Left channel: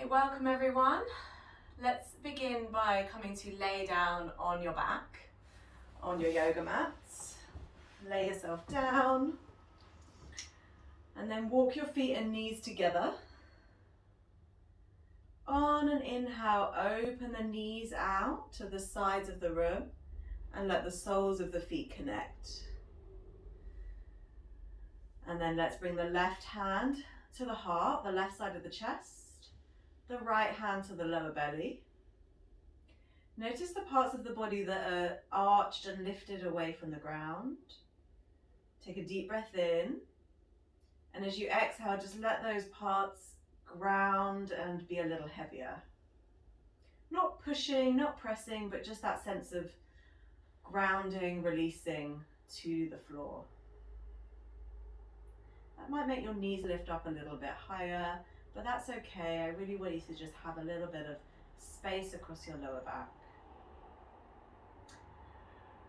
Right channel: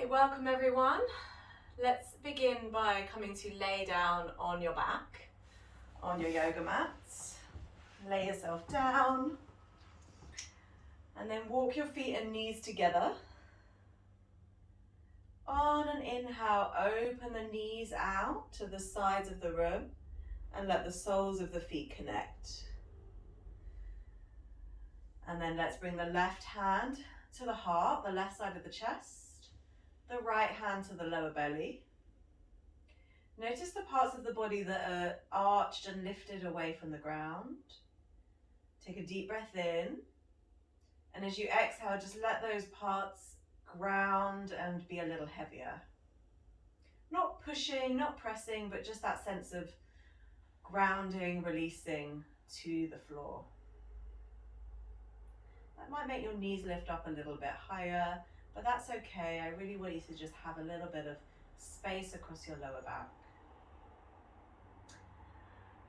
Okay, welcome everyone. Let's begin by coming to lay down on your back, on your yoga mats. Lay yourself down and then walk your feet and knees together. On an inhale, open the knees out to the sides of the room and let the soles of the feet connect. And then let's bring the left hand to the heart, the left side of the chest, the right hand to the lower belly. Notice the parts of the body that are arched and lifted away from the ground. Take a deep breath in, and as you exhale, just let those parts ground and be a little heavier. Not pushing, not pressing, but just that sense of grounding, releasing to the floor. That might make your knees lift up a little bit higher, but that's okay. I really want you to just have a little bit of space across your lower back.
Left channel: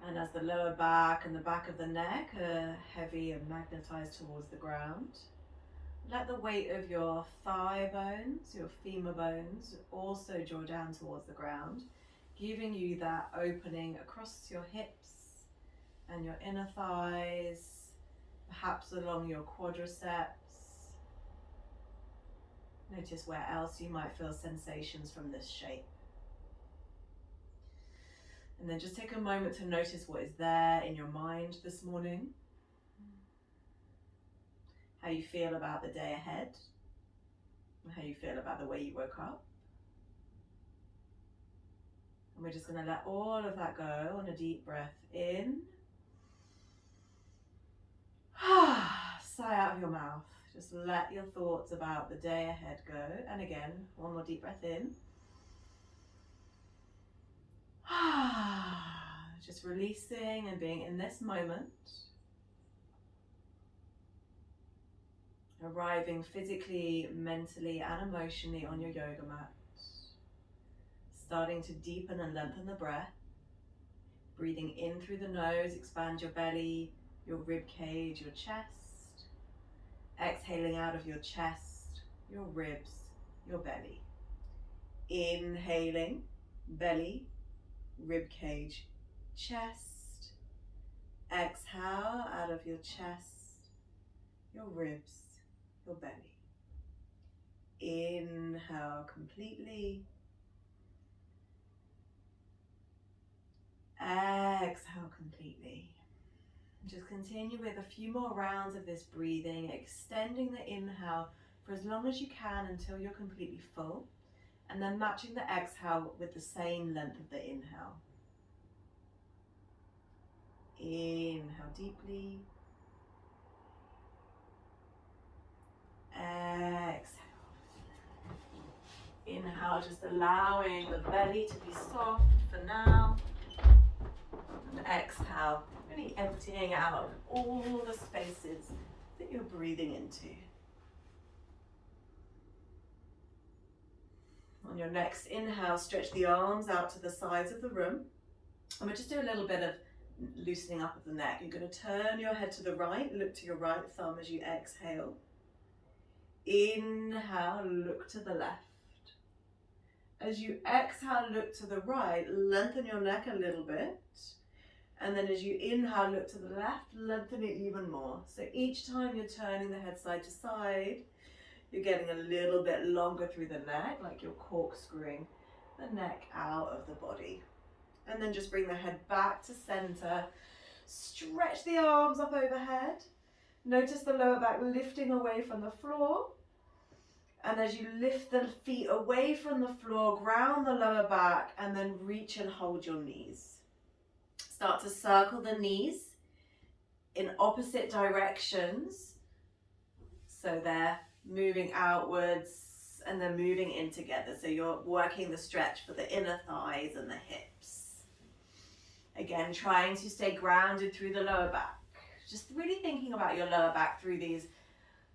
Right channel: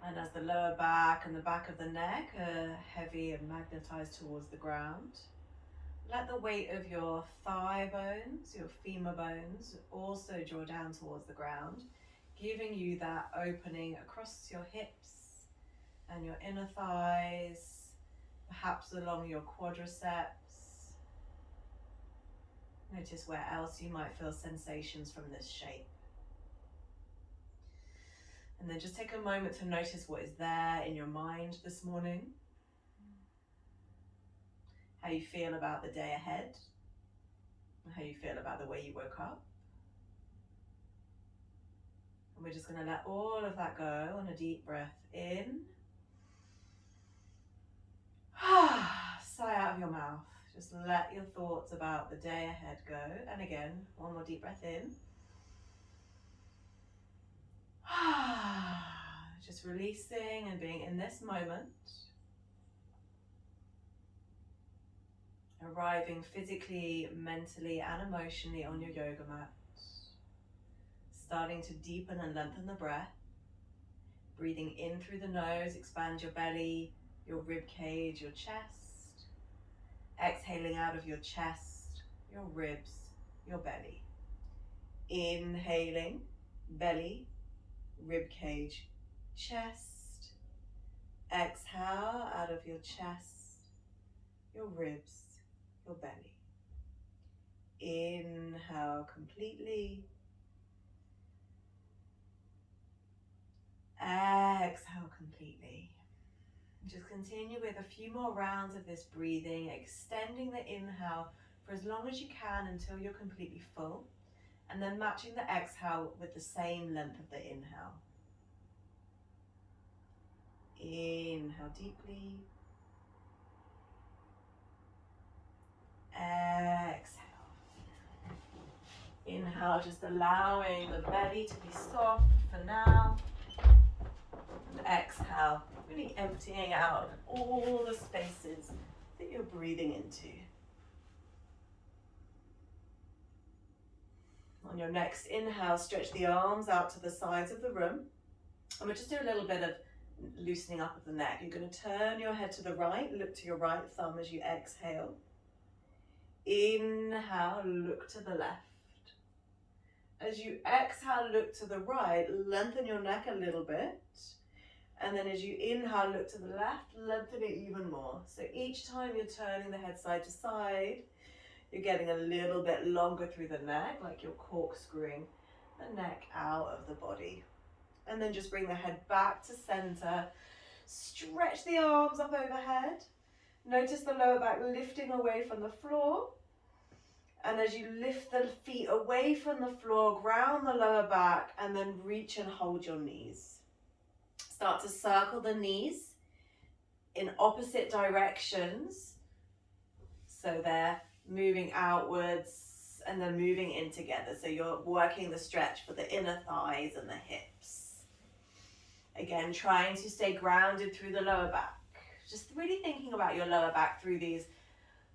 And as the lower back and the back of the neck are heavy and magnetized towards the ground, let the weight of your thigh bones, your femur bones, also draw down towards the ground, giving you that opening across your hips and your inner thighs, perhaps along your quadriceps. Notice where else you might feel sensations from this shape. And then just take a moment to notice what is there in your mind this morning. How you feel about the day ahead. How you feel about the way you woke up. And we're just going to let all of that go on a deep breath in. Sigh out of your mouth. Just let your thoughts about the day ahead go. And again, one more deep breath in. Just releasing and being in this moment. Arriving physically, mentally, and emotionally on your yoga mat. Starting to deepen and lengthen the breath. Breathing in through the nose, expand your belly, your rib cage, your chest. Exhaling out of your chest, your ribs, your belly. Inhaling, belly, rib cage, chest. Exhale out of your chest, your ribs, your belly. Inhale completely. Exhale completely. Just continue with a few more rounds of this breathing, extending the inhale for as long as you can until you're completely full, and then matching the exhale with the same length of the inhale. Inhale deeply. Exhale. Inhale, just allowing the belly to be soft for now. And exhale, really emptying out all the spaces that you're breathing into. On your next inhale, stretch the arms out to the sides of the room. And we'll just do a little bit of loosening up of the neck. You're going to turn your head to the right, look to your right thumb as you exhale. Inhale, look to the left. As you exhale, look to the right, lengthen your neck a little bit. And then as you inhale, look to the left, lengthen it even more. So each time you're turning the head side to side, you're getting a little bit longer through the neck, like you're corkscrewing the neck out of the body. And then just bring the head back to center. Stretch the arms up overhead. Notice the lower back lifting away from the floor. And as you lift the feet away from the floor, ground the lower back and then reach and hold your knees. Start to circle the knees in opposite directions. So they're moving outwards and then moving in together. So you're working the stretch for the inner thighs and the hips. Again, trying to stay grounded through the lower back. Just really thinking about your lower back through these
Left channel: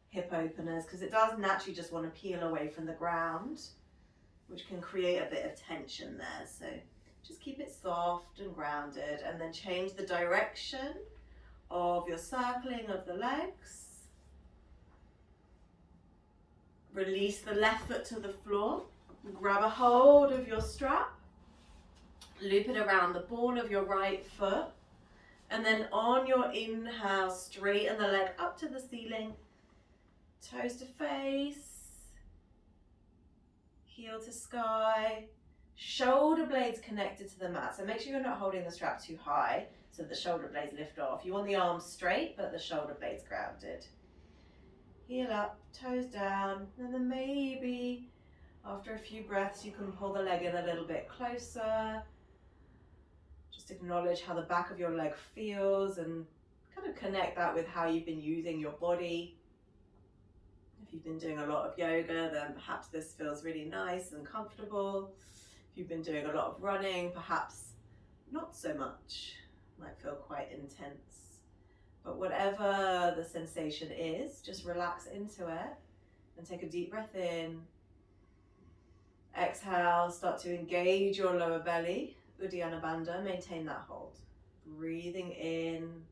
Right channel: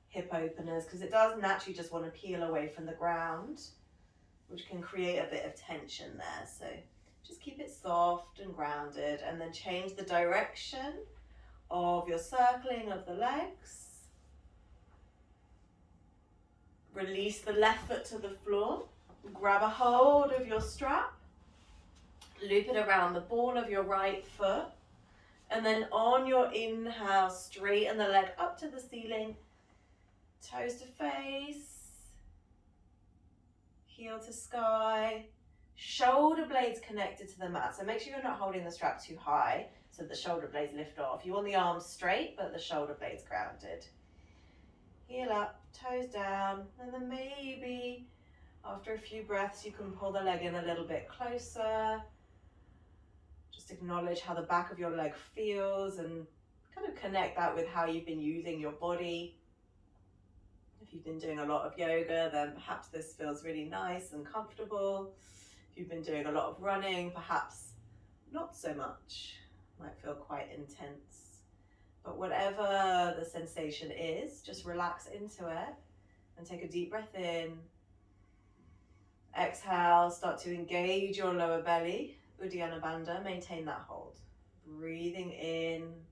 hip openers, because it does naturally just want to peel away from the ground, which can create a bit of tension there. So just keep it soft and grounded, and then change the direction of your circling of the legs. Release the left foot to the floor. Grab a hold of your strap. Loop it around the ball of your right foot. And then on your inhale, straighten the leg up to the ceiling. Toes to face. Heel to sky. Shoulder blades connected to the mat. So make sure you're not holding the strap too high so the shoulder blades lift off. You want the arms straight, but the shoulder blades grounded. Heel up, toes down, and then maybe after a few breaths you can pull the leg in a little bit closer. Just acknowledge how the back of your leg feels and kind of connect that with how you've been using your body. If you've been doing a lot of yoga, then perhaps this feels really nice and comfortable. If you've been doing a lot of running, perhaps not so much. Might feel quite intense. But whatever the sensation is, just relax into it and take a deep breath in. Exhale, start to engage your lower belly. Uddiyana Bandha, maintain that hold. Breathing in,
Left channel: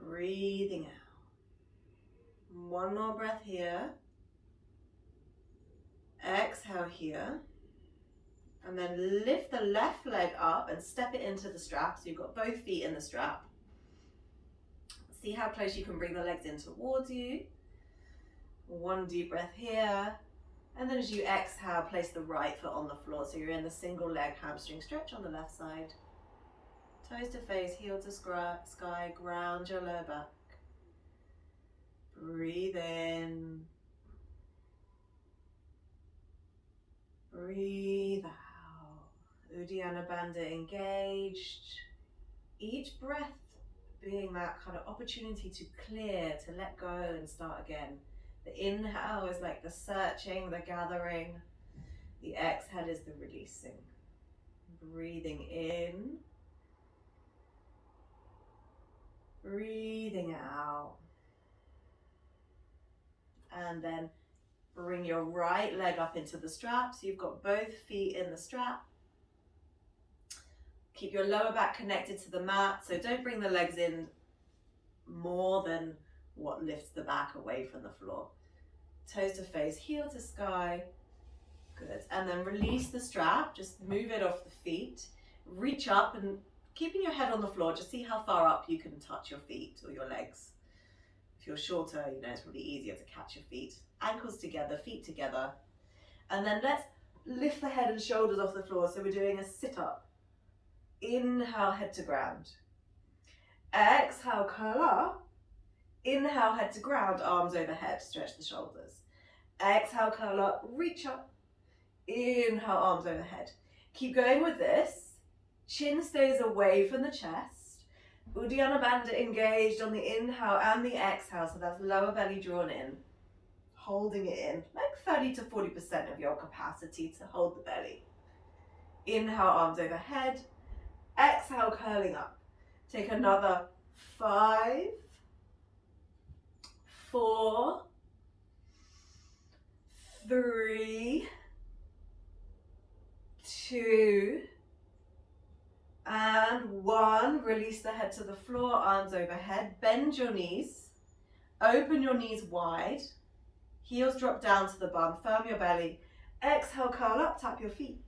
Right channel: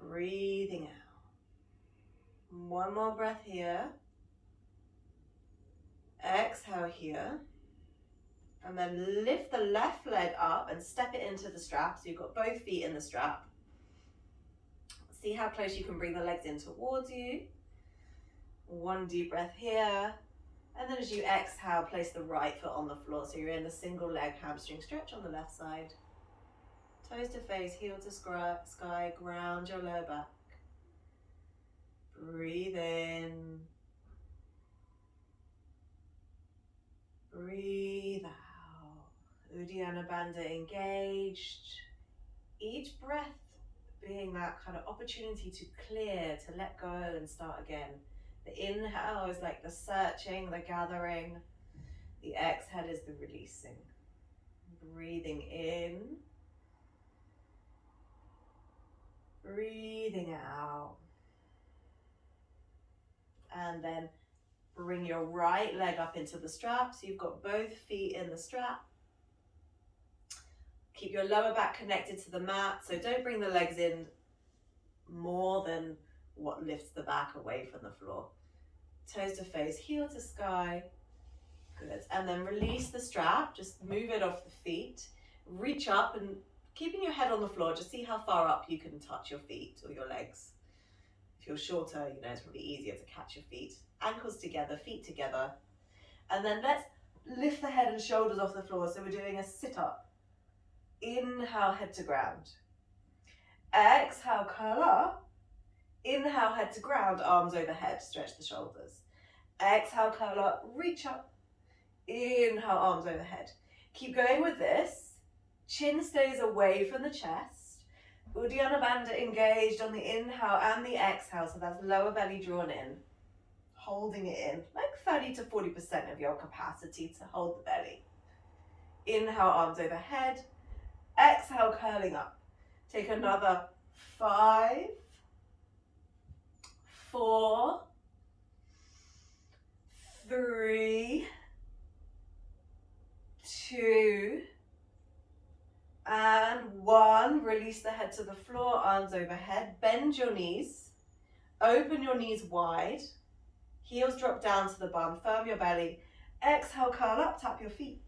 breathing out. One more breath here. Exhale here. And then lift the left leg up and step it into the strap. So you've got both feet in the strap. See how close you can bring the legs in towards you. One deep breath here. And then as you exhale, place the right foot on the floor. So you're in the single leg hamstring stretch on the left side. Toes to face, heel to sky, ground your lower back. Breathe in. Breathe out. Uddiyana Bandha engaged. Each breath being that kind of opportunity to clear, to let go and start again. The inhale is like the searching, the gathering. The exhale is the releasing. Breathing in. Breathing out. And then bring your right leg up into the strap. So you've got both feet in the strap. Keep your lower back connected to the mat. So don't bring the legs in more than what lifts the back away from the floor. Toes to face, heel to sky. Good. And then release the strap. Just move it off the feet. Reach up and keeping your head on the floor. Just see how far up you can touch your feet or your legs. If you're shorter, you know, it's probably easier to catch your feet. Ankles together, feet together. And then let's lift the head and shoulders off the floor. So we're doing a sit-up. Inhale, head to ground. Exhale, curl up. Inhale, head to ground, arms overhead, stretch the shoulders. Exhale, curl up, reach up. Inhale, arms overhead. Keep going with this. Chin stays away from the chest. Uddiyana Bandha engaged on the inhale and the exhale, so that's lower belly drawn in. Holding it in, like 30 to 40% of your capacity to hold the belly. Inhale, arms overhead. Exhale, curling up. Take another 5, 4, 3, 2, and 1. Release the head to the floor, arms overhead. Bend your knees. Open your knees wide. Heels drop down to the bum. Firm your belly. Exhale, curl up, tap your feet.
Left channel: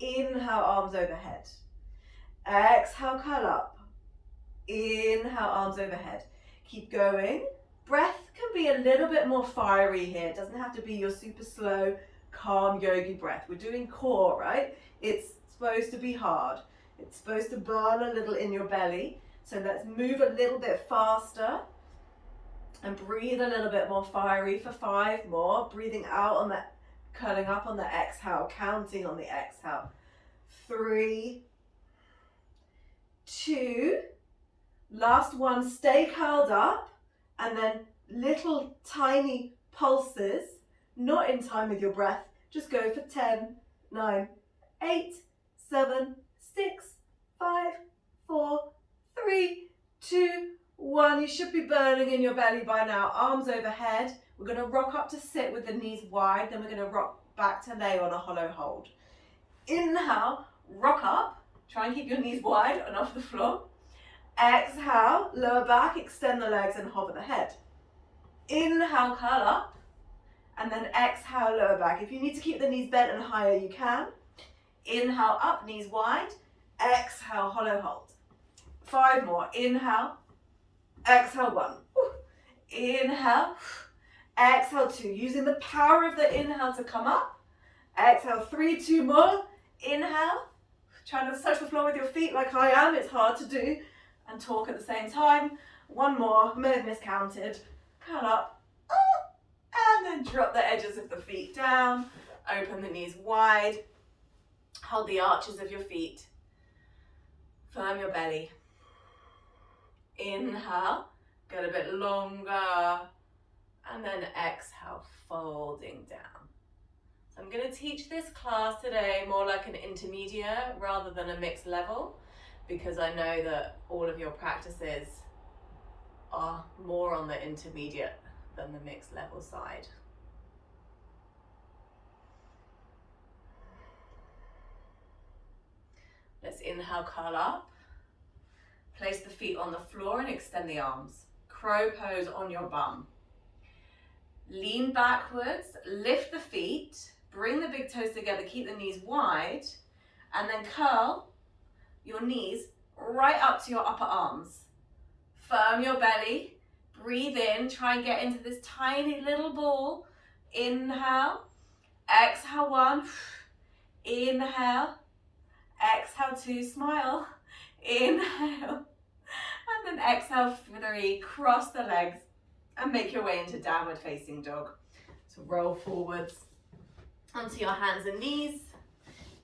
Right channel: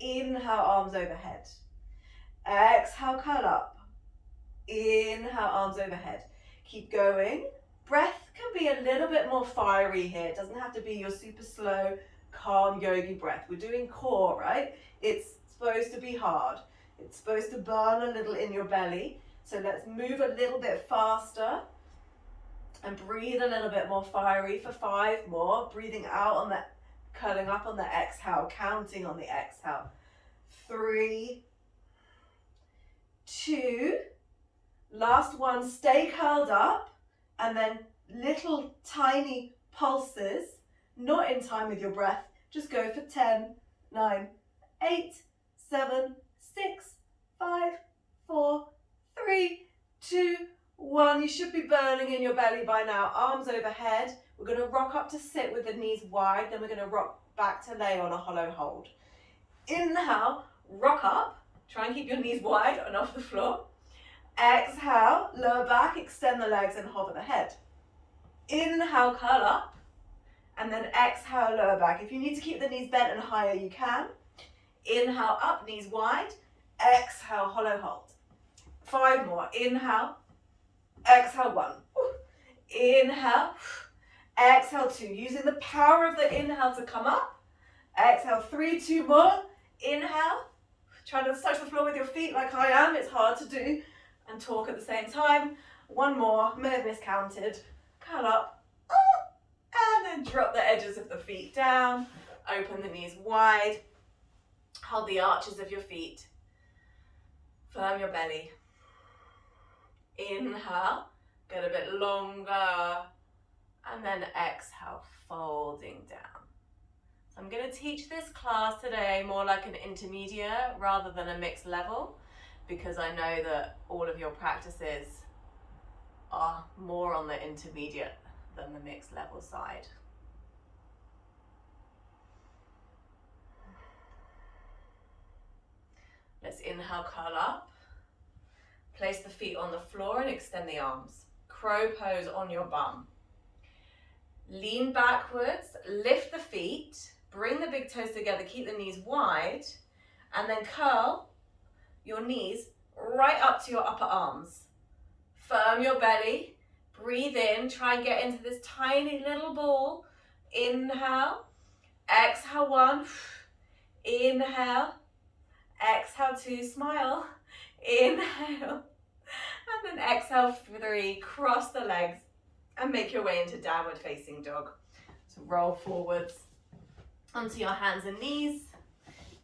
Inhale, arms overhead. Exhale, curl up. Inhale, arms overhead. Keep going. Breath can be a little bit more fiery here. It doesn't have to be your super slow, calm yogi breath. We're doing core, right? It's supposed to be hard. It's supposed to burn a little in your belly. So let's move a little bit faster and breathe a little bit more fiery for 5 more. Breathing out on the, curling up on the exhale, counting on the exhale. 3, 2, last one, stay curled up, and then little tiny pulses, not in time with your breath, just go for 10, 9, 8, 7, 6, 5, 4, 3, 2, 1. You should be burning in your belly by now. Arms overhead. We're going to rock up to sit with the knees wide, then we're going to rock back to lay on a hollow hold. Inhale, rock up. Try and keep your knees wide and off the floor. Exhale, lower back, extend the legs and hover the head. Inhale, curl up. And then exhale, lower back. If you need to keep the knees bent and higher, you can. Inhale, up, knees wide. Exhale, hollow hold. 5 more. Inhale. Exhale, 1. Inhale. Exhale, 2. Using the power of the inhale to come up. Exhale, 3, 2 more. Inhale. Try to touch the floor with your feet like I am. It's hard to do and talk at the same time. 1 more. May have miscounted. Curl up. And then drop the edges of the feet down. Open the knees wide. Hold the arches of your feet. Firm your belly. Inhale. Get a bit longer. And then exhale, folding down. So I'm going to teach this class today more like an intermediate rather than a mixed level, because I know that all of your practices are more on the intermediate than the mixed level side. Let's inhale, curl up. Place the feet on the floor and extend the arms. Crow pose on your bum. Lean backwards, lift the feet, bring the big toes together, keep the knees wide, and then curl your knees right up to your upper arms. Firm your belly, breathe in, try and get into this tiny little ball. Inhale, exhale 1, inhale, exhale 2, smile, inhale, and then exhale 3, cross the legs and make your way into downward facing dog. So roll forwards onto your hands and knees,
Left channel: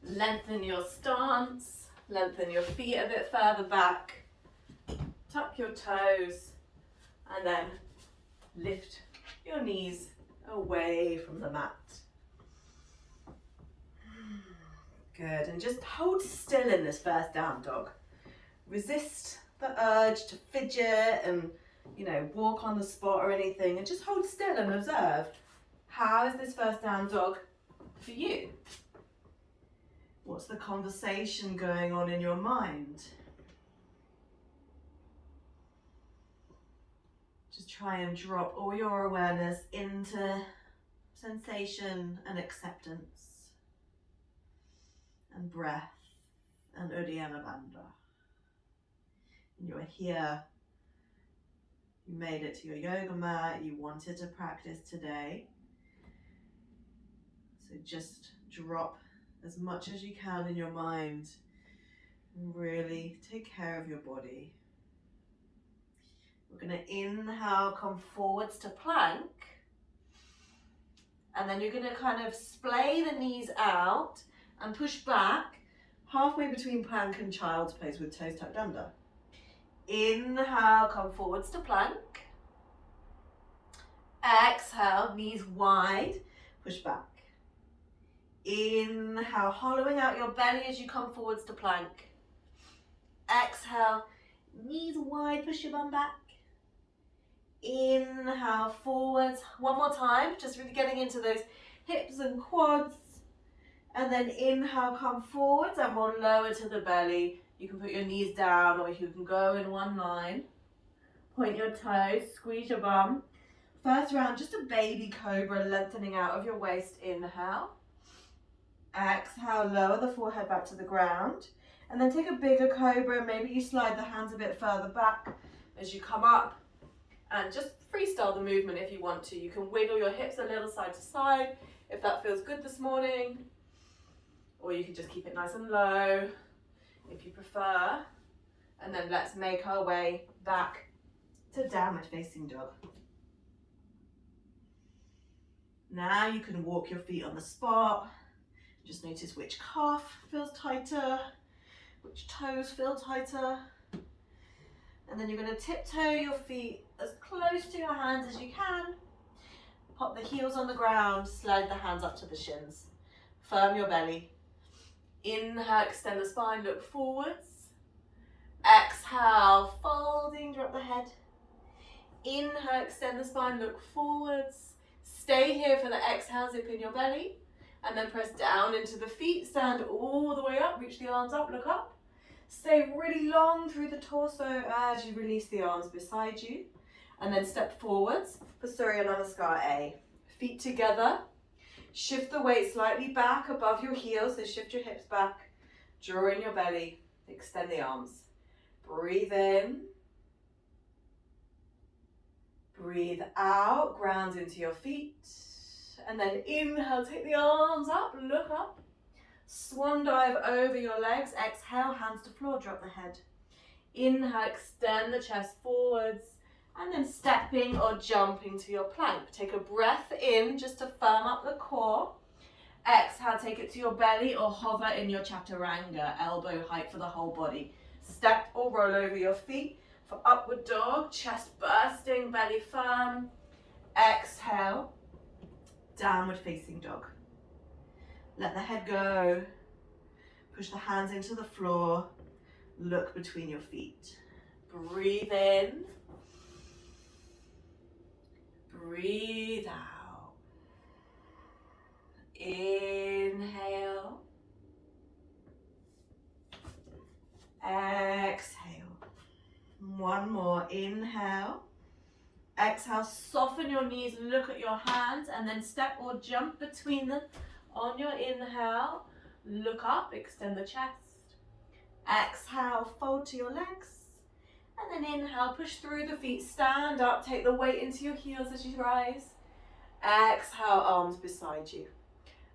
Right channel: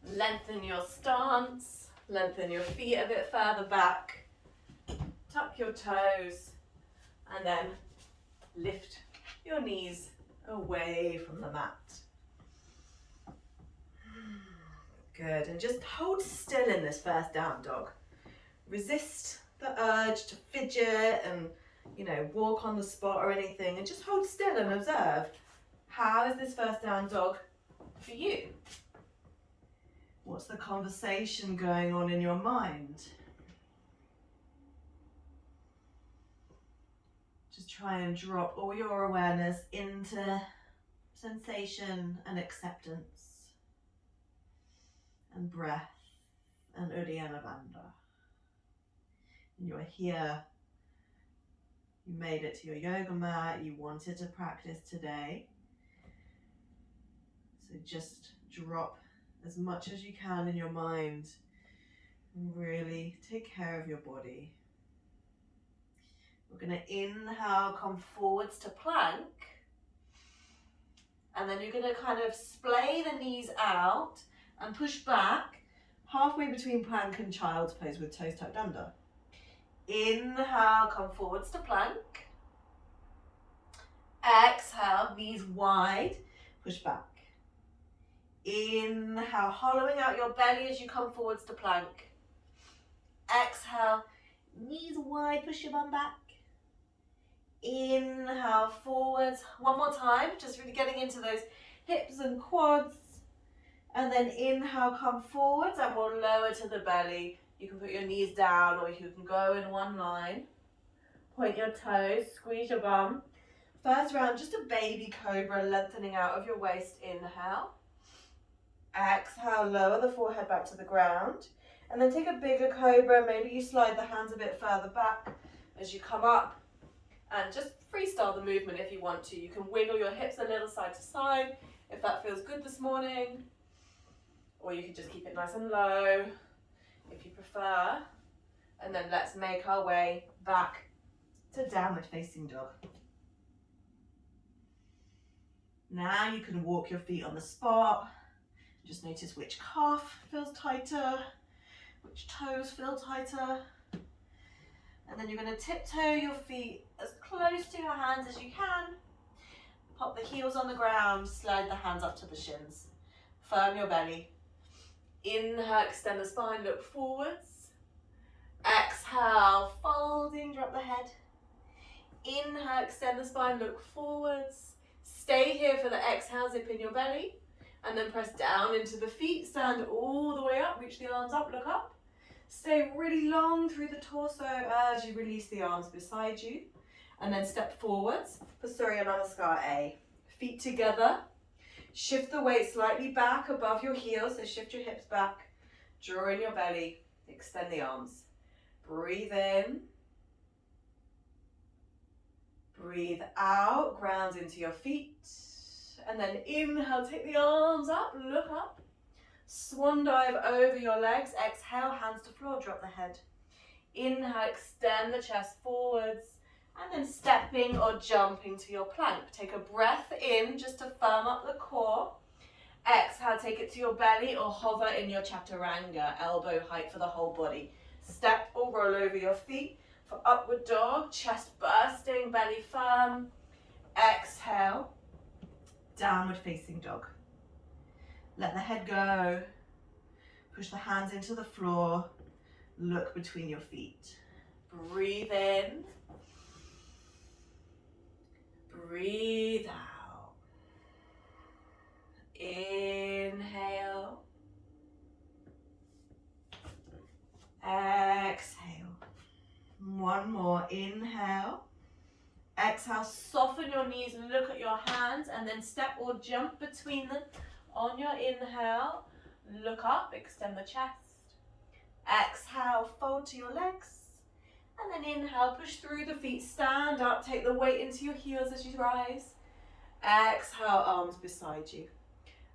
lengthen your stance, lengthen your feet a bit further back, tuck your toes, and then lift your knees away from the mat. Good, and just hold still in this first down dog. Resist the urge to fidget and walk on the spot or anything, and just hold still and observe. How is this first down dog for you? What's the conversation going on in your mind? Just try and drop all your awareness into sensation and acceptance and breath and Uddiyana Bandha. And you're here. You made it to your yoga mat. You wanted to practice today. So just drop as much as you can in your mind and really take care of your body. We're going to inhale, come forwards to plank. And then you're going to kind of splay the knees out and push back halfway between plank and child's pose with toes tucked under. Inhale, come forwards to plank. Exhale, knees wide, push back. Inhale, hollowing out your belly as you come forwards to plank. Exhale, knees wide, push your bum back. Inhale, forwards. 1 more time, just really getting into those hips and quads. And then inhale, come forwards and we'll lower to the belly. You can put your knees down or you can go in one line. Point your toes, squeeze your bum. First round, just a baby cobra, lengthening out of your waist. Inhale. Exhale, lower the forehead back to the ground. And then take a bigger cobra. Maybe you slide the hands a bit further back as you come up. And just freestyle the movement if you want to. You can wiggle your hips a little side to side if that feels good this morning. Or you can just keep it nice and low if you prefer. And then let's make our way back to downward facing dog. Now you can walk your feet on the spot. Just notice which calf feels tighter, which toes feel tighter. And then you're going to tiptoe your feet as close to your hands as you can. Pop the heels on the ground, slide the hands up to the shins. Firm your belly. Inhale, extend the spine, look forwards. Exhale, folding, drop the head. Inhale, extend the spine, look forwards. Stay here for the exhale, zip in your belly. And then press down into the feet, stand all the way up, reach the arms up, look up. Stay really long through the torso as you release the arms beside you. And then step forwards for Surya Namaskar A. Feet together. Shift the weight slightly back above your heels, so shift your hips back. Draw in your belly. Extend the arms. Breathe in. Breathe out. Ground into your feet. And then inhale, take the arms up, look up. Swan dive over your legs. Exhale, hands to floor, drop the head. Inhale, extend the chest forwards. And then stepping or jumping to your plank. Take a breath in just to firm up the core. Exhale, take it to your belly or hover in your Chaturanga, elbow height for the whole body. Step or roll over your feet for upward dog, chest bursting, belly firm. Exhale, downward facing dog. Let the head go. Push the hands into the floor. Look between your feet. Breathe in. Breathe out. Inhale. Exhale. One more. Inhale. Exhale. Soften your knees. Look at your hands and then step or jump between them. On your inhale, look up, extend the chest. Exhale, fold to your legs. And then inhale, push through the feet, stand up, take the weight into your heels as you rise. Exhale, arms beside you.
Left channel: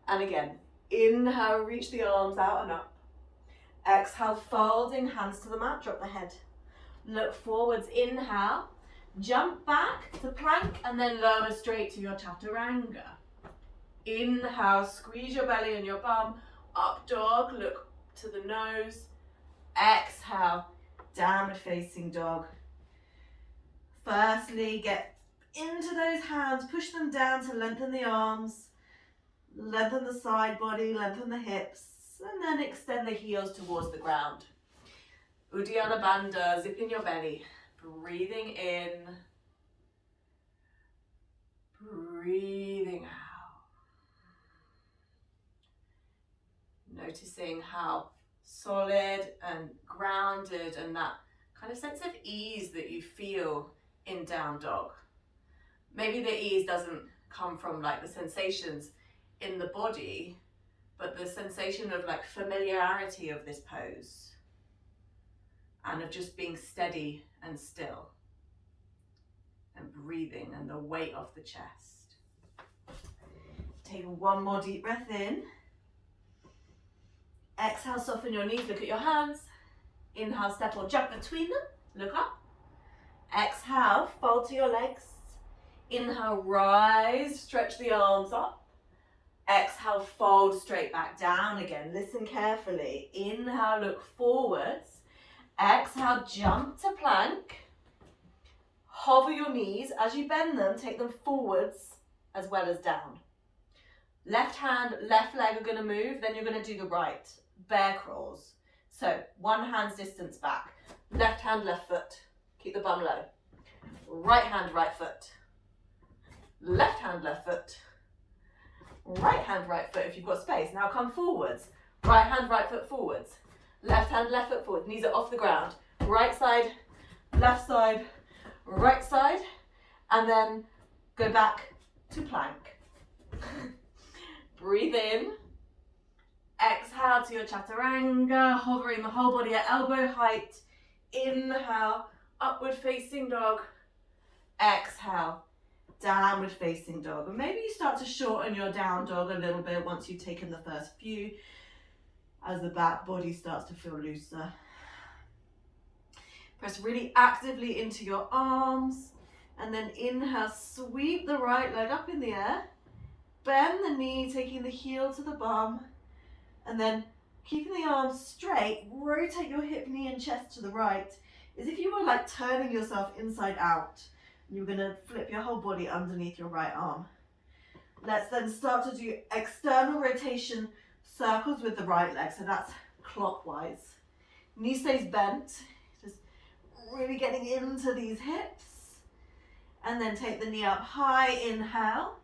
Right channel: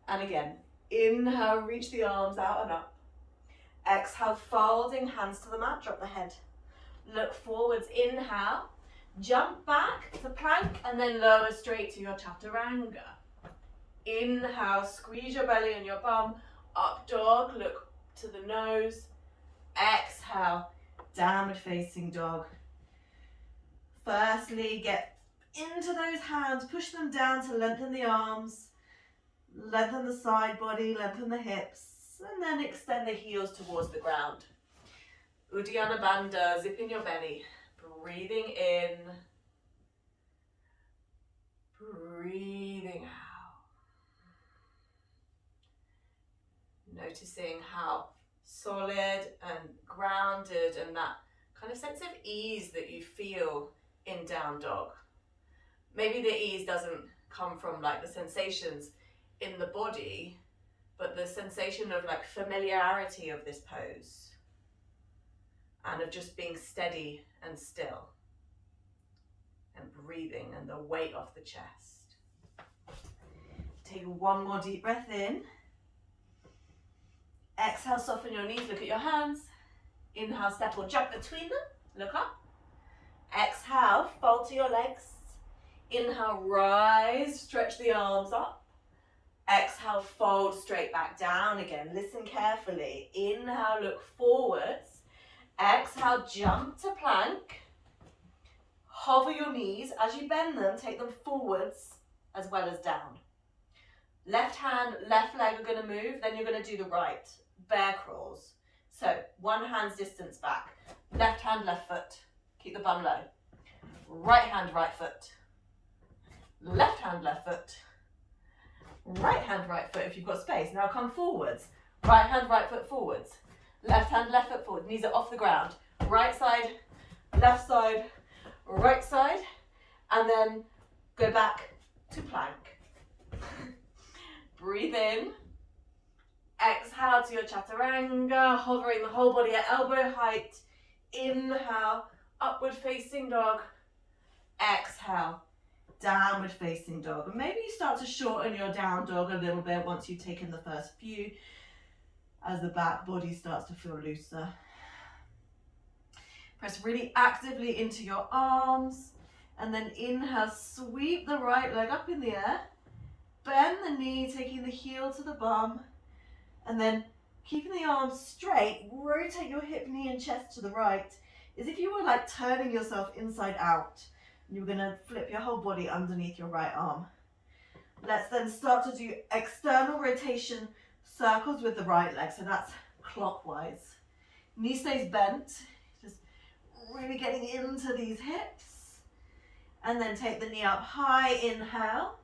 And again, inhale, reach the arms out and up. Exhale, folding, hands to the mat, drop the head. Look forwards, inhale, jump back to plank and then lower straight to your Chaturanga. Inhale, squeeze your belly and your bum, up dog, look to the nose. Exhale, downward facing dog. Firstly, get into those hands, push them down to lengthen the arms, lengthen the side body, lengthen the hips, and then extend the heels towards the ground. Uddiyana Bandha, zip in your belly, breathing in, breathing out. Noticing how solid and grounded and that kind of sense of ease that you feel in down dog. Maybe the ease doesn't come from like the sensations in the body, but the sensation of like familiarity of this pose and of just being steady and still and breathing and the weight off the chest. Take one more deep breath in. Exhale, soften your knees, look at your hands. Inhale, step or jump between them, look up. Exhale, fold to your legs. Inhale, rise, stretch the arms up. Exhale, fold straight back down again. Listen carefully. Inhale, look forwards. Exhale, jump to plank. Hover your knees. As you bend them, take them forwards as well as down. Left hand, left leg are going to move, then you're going to do the right. Bear crawls. So one hand's distance back. Left hand, left foot. Keep the bum low. Right hand, right foot. Left hand, left foot. Right hand, right foot if you've got space. Now come forwards. Right hand, right foot forwards. Left hand, left foot forward. Knees are off the ground. Right side, right side. And then go back to plank. Breathe in. Exhale to your Chaturanga, hovering the whole body at elbow height. Inhale, upward facing dog. Exhale, downward facing dog. And maybe you start to shorten your down dog a little bit once you've taken the first few, as the back body starts to feel looser. Press really actively into your arms, and then inhale, sweep the right leg up in the air. Bend the knee, taking the heel to the bum, and then keeping the arms straight, rotate your hip, knee and chest to the right, as if you were like turning yourself inside out. You're gonna flip your whole body underneath your right arm. Let's then start to do external rotation circles with the right leg, so that's clockwise. Knee stays bent, just really getting into these hips, and then take the knee up high, inhale.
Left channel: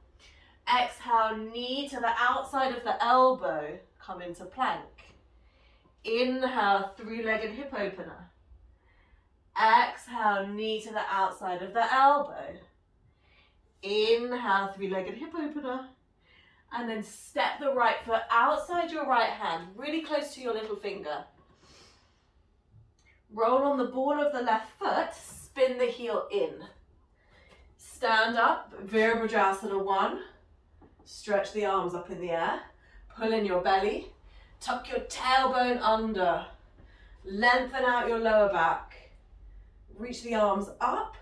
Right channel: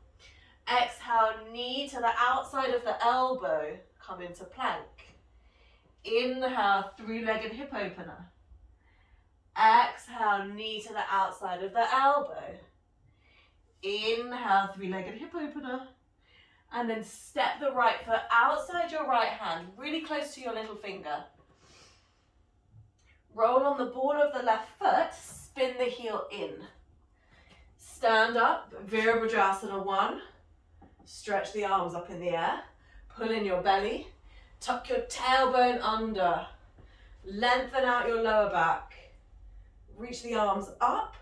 Exhale, knee to the outside of the elbow, come into plank. Inhale, three-legged hip opener. Exhale, knee to the outside of the elbow. Inhale, three-legged hip opener. And then step the right foot outside your right hand, really close to your little finger. Roll on the ball of the left foot, spin the heel in. Stand up, Virabhadrasana 1. Stretch the arms up in the air. Pull in your belly. Tuck your tailbone under. Lengthen out your lower back. Reach the arms up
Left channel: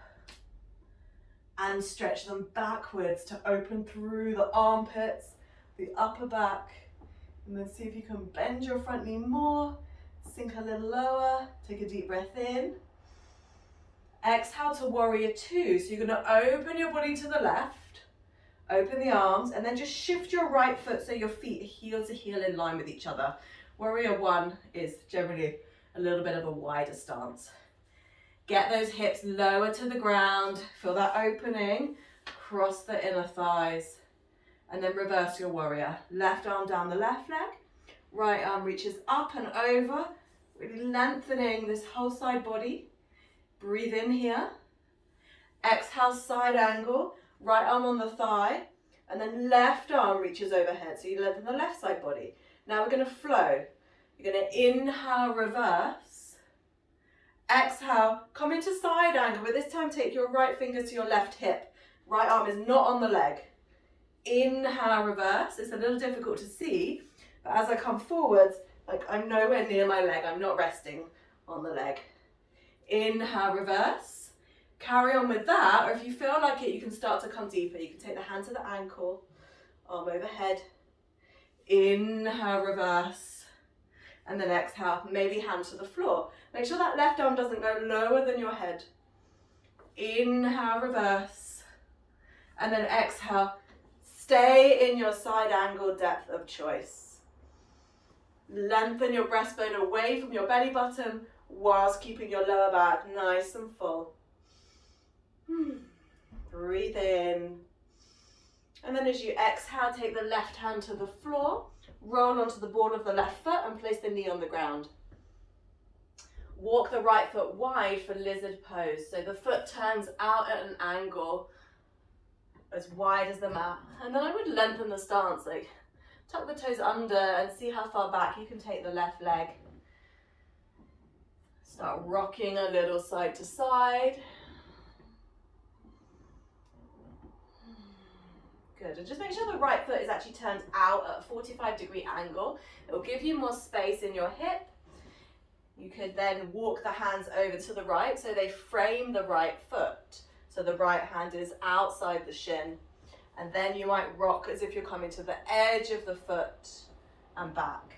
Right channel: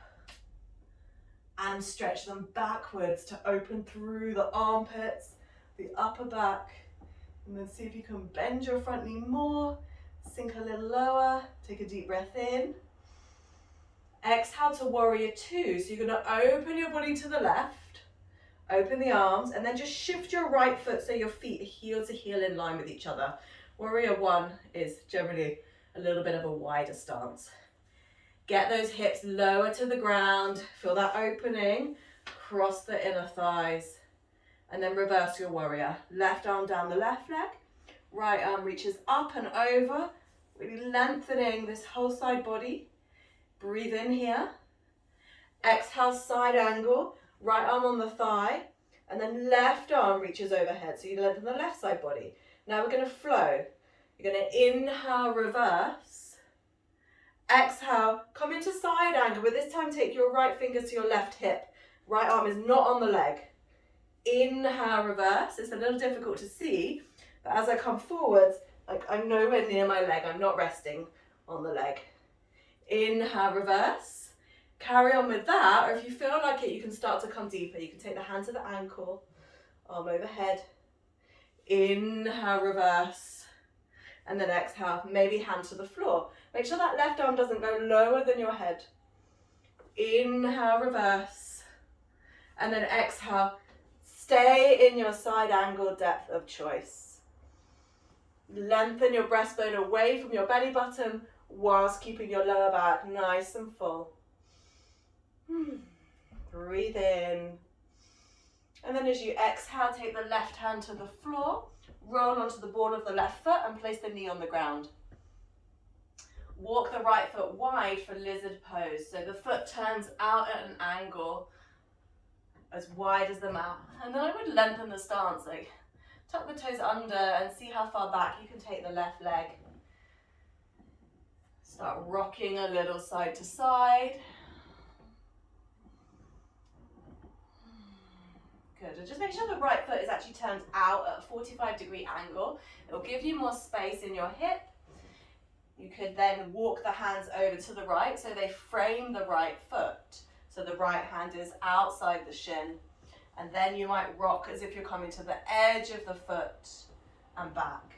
and stretch them backwards to open through the armpits, the upper back. And then see if you can bend your front knee more. Sink a little lower. Take a deep breath in. Exhale to warrior 2. So you're going to open your body to the left, open the arms, and then just shift your right foot so your feet are heel to heel in line with each other. Warrior 1 is generally a little bit of a wider stance. Get those hips lower to the ground. Feel that opening. Cross the inner thighs. And then reverse your warrior. Left arm down the left leg. Right arm reaches up and over. Really lengthening this whole side body. Breathe in here. Exhale, side angle. Right arm on the thigh. And then left arm reaches overhead. So you lengthen the left side body. Now we're going to flow. You're going to inhale, reverse. Exhale, come into side angle, but this time take your right fingers to your left hip. Right arm is not on the leg. Inhale, reverse. It's a little difficult to see, but as I come forwards, like I'm nowhere near my leg. I'm not resting on the leg. Inhale, reverse. Carry on with that, or if you feel like it, you can start to come deeper. You can take the hand to the ankle, arm overhead. Inhale, reverse. And then exhale, maybe hand to the floor. Make sure that left arm doesn't go lower than your head. Inhale, reverse. And then exhale, stay in your side angle depth of choice. Lengthen your breastbone away from your belly button whilst keeping your lower back nice and full. Breathe in. And then as you exhale, take the left hand to the floor. Roll onto the ball of the left foot and place the knee on the ground. Walk the right foot wide for lizard pose. So the foot turns out at an angle as wide as the mat. And then I would lengthen the stance, like tuck the toes under and see how far back you can take the left leg. Start rocking a little side to side. Good, and just make sure the right foot is actually turned out at a 45-degree angle. It will give you more space in your hip. You could then walk the hands over to the right so they frame the right foot. So the right hand is outside the shin. And then you might rock as if you're coming to the edge of the foot and back.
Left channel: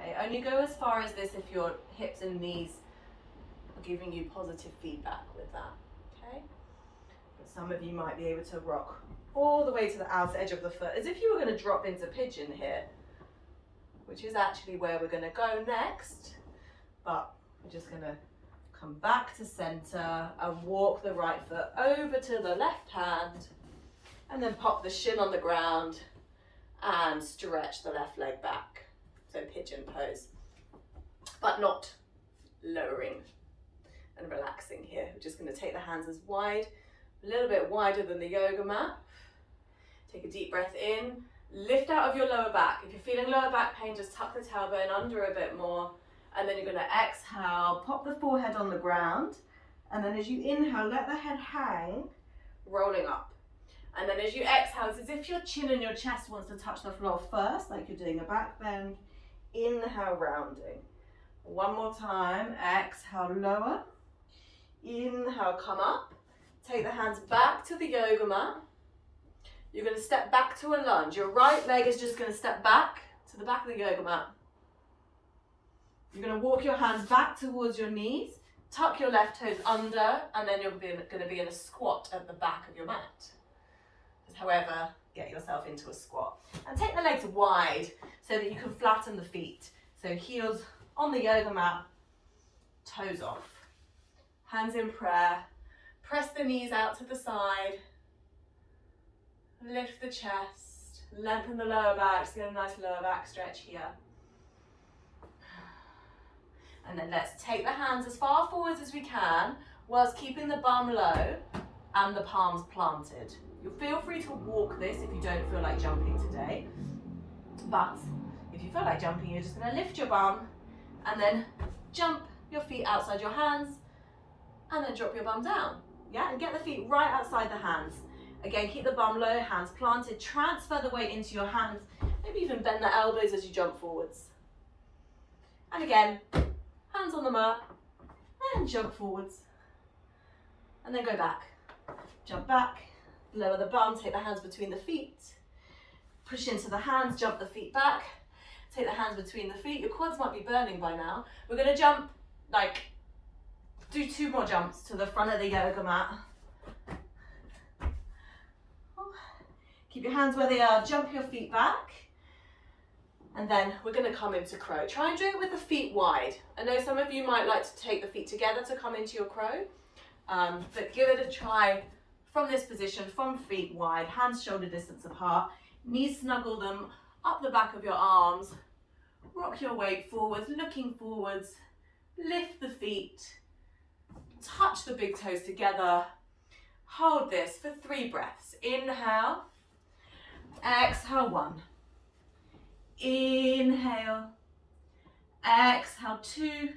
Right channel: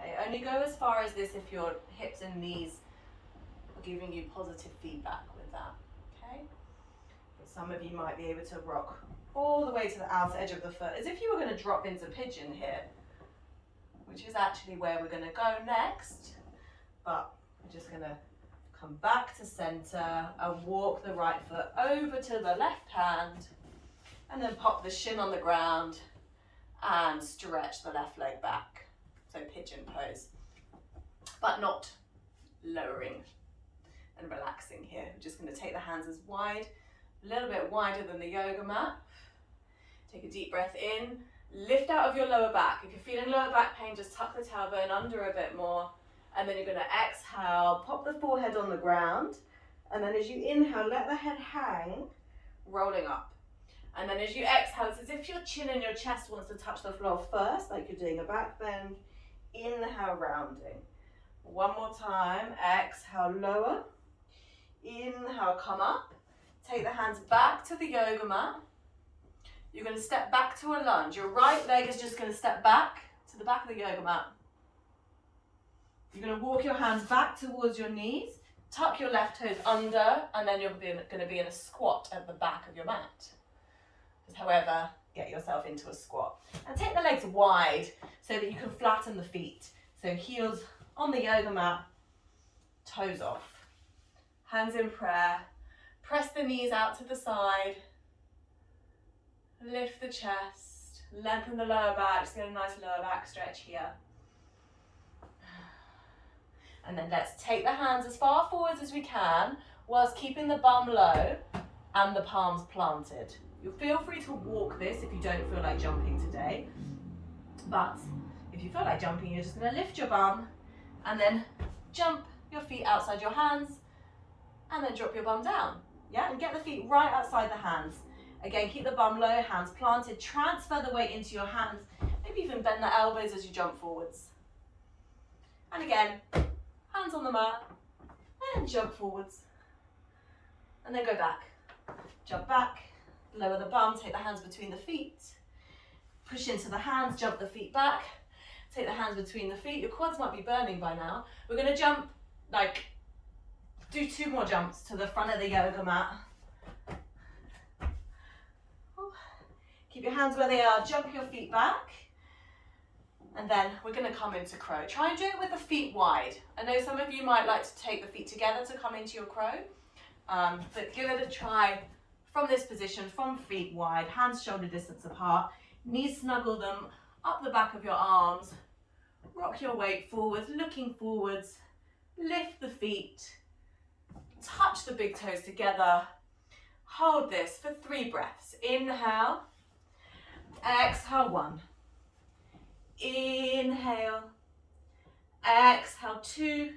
Okay, only go as far as this if your hips and knees are giving you positive feedback with that. Okay, but some of you might be able to rock all the way to the outer edge of the foot as if you were going to drop into pigeon here, which is actually where we're going to go next. But we're just going to come back to center and walk the right foot over to the left hand and then pop the shin on the ground and stretch the left leg back. So pigeon pose, but not lowering and relaxing here. We're just going to take the hands as wide, a little bit wider than the yoga mat. Take a deep breath in, lift out of your lower back. If you're feeling lower back pain, just tuck the tailbone under a bit more. And then you're going to exhale, pop the forehead on the ground. And then as you inhale, let the head hang, rolling up. And then as you exhale, it's as if your chin and your chest wants to touch the floor first, like you're doing a back bend. Inhale, rounding. One more time, exhale, lower. Inhale, come up. Take the hands back to the yoga mat. You're going to step back to a lunge. Your right leg is just going to step back to the back of the yoga mat. You're going to walk your hands back towards your knees, tuck your left toes under, and then you're going to be in a squat at the back of your mat. Just however, get yourself into a squat. And take the legs wide so that you can flatten the feet. So heels on the yoga mat, toes off. Hands in prayer. Press the knees out to the side. Lift the chest, lengthen the lower back, just get a nice lower back stretch here. And then let's take the hands as far forwards as we can, whilst keeping the bum low and the palms planted. You'll feel free to walk this if you don't feel like jumping today. But if you feel like jumping, you're just going to lift your bum and then jump your feet outside your hands and then drop your bum down. Yeah, and get the feet right outside the hands. Again, keep the bum low, hands planted, transfer the weight into your hands. Maybe even bend the elbows as you jump forwards. And again, hands on the mat and jump forwards. And then go back. Jump back, lower the bum, take the hands between the feet. Push into the hands, jump the feet back. Take the hands between the feet. Your quads might be burning by now. We're going to jump, do 2 more jumps to the front of the yoga mat. Keep your hands where they are, jump your feet back. And then we're going to come into crow. Try and do it with the feet wide. I know some of you might like to take the feet together to come into your crow. But give it a try from this position, from feet wide, hands shoulder distance apart. Knees snuggle them up the back of your arms. Rock your weight forwards, looking forwards. Lift the feet. Touch the big toes together. Hold this for 3 breaths. Inhale. Exhale, 1. Inhale. Exhale, 2.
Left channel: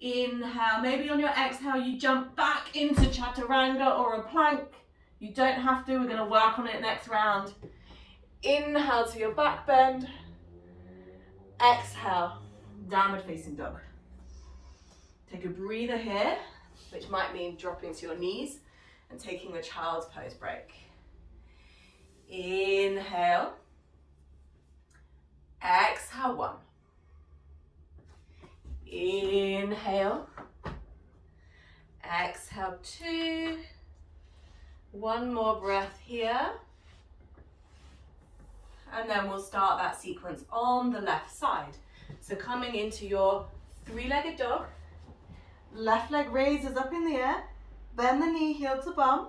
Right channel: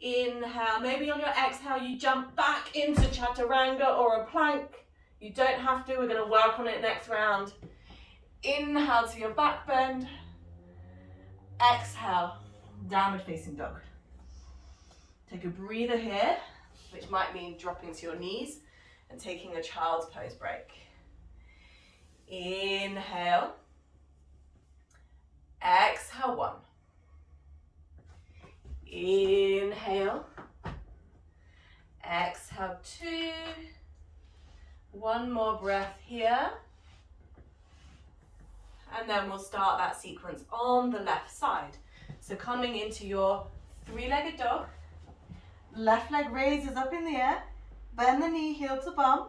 Inhale. Maybe on your exhale you jump back into chaturanga or a plank. You don't have to. We're going to work on it next round. Inhale to your back bend. Exhale, downward facing dog. Take a breather here, which might mean dropping to your knees and taking a child's pose break. Inhale. Exhale, 1. Inhale. Exhale, 2. 1 more breath here. And then we'll start that sequence on the left side. So coming into your 3-legged dog, left leg raises up in the air, bend the knee, heel to bum,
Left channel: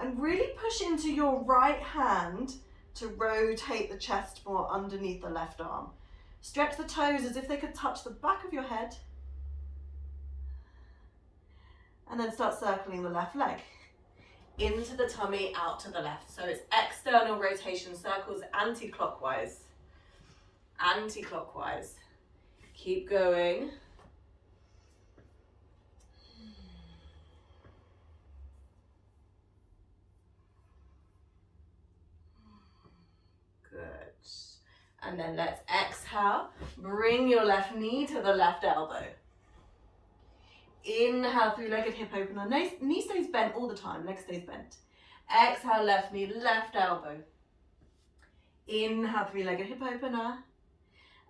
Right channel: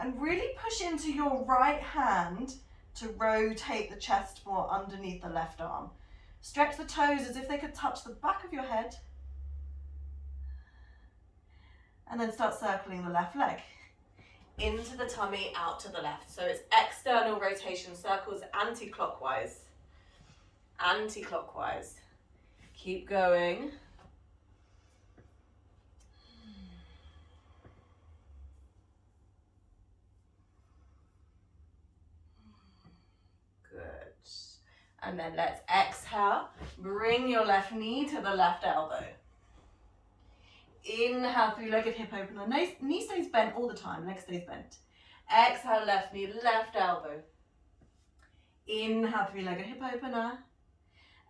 and really push into your right hand to rotate the chest more underneath the left arm. Stretch the toes as if they could touch the back of your head. And then start circling the left leg. Into the tummy, out to the left. So it's external rotation, circles anti-clockwise. Anti-clockwise. Keep going. Good. And then let's exhale. Bring your left knee to the left elbow. Inhale, 3-legged hip opener. Knee stays bent all the time, leg stays bent. Exhale, left knee, left elbow. Inhale, 3-legged hip opener.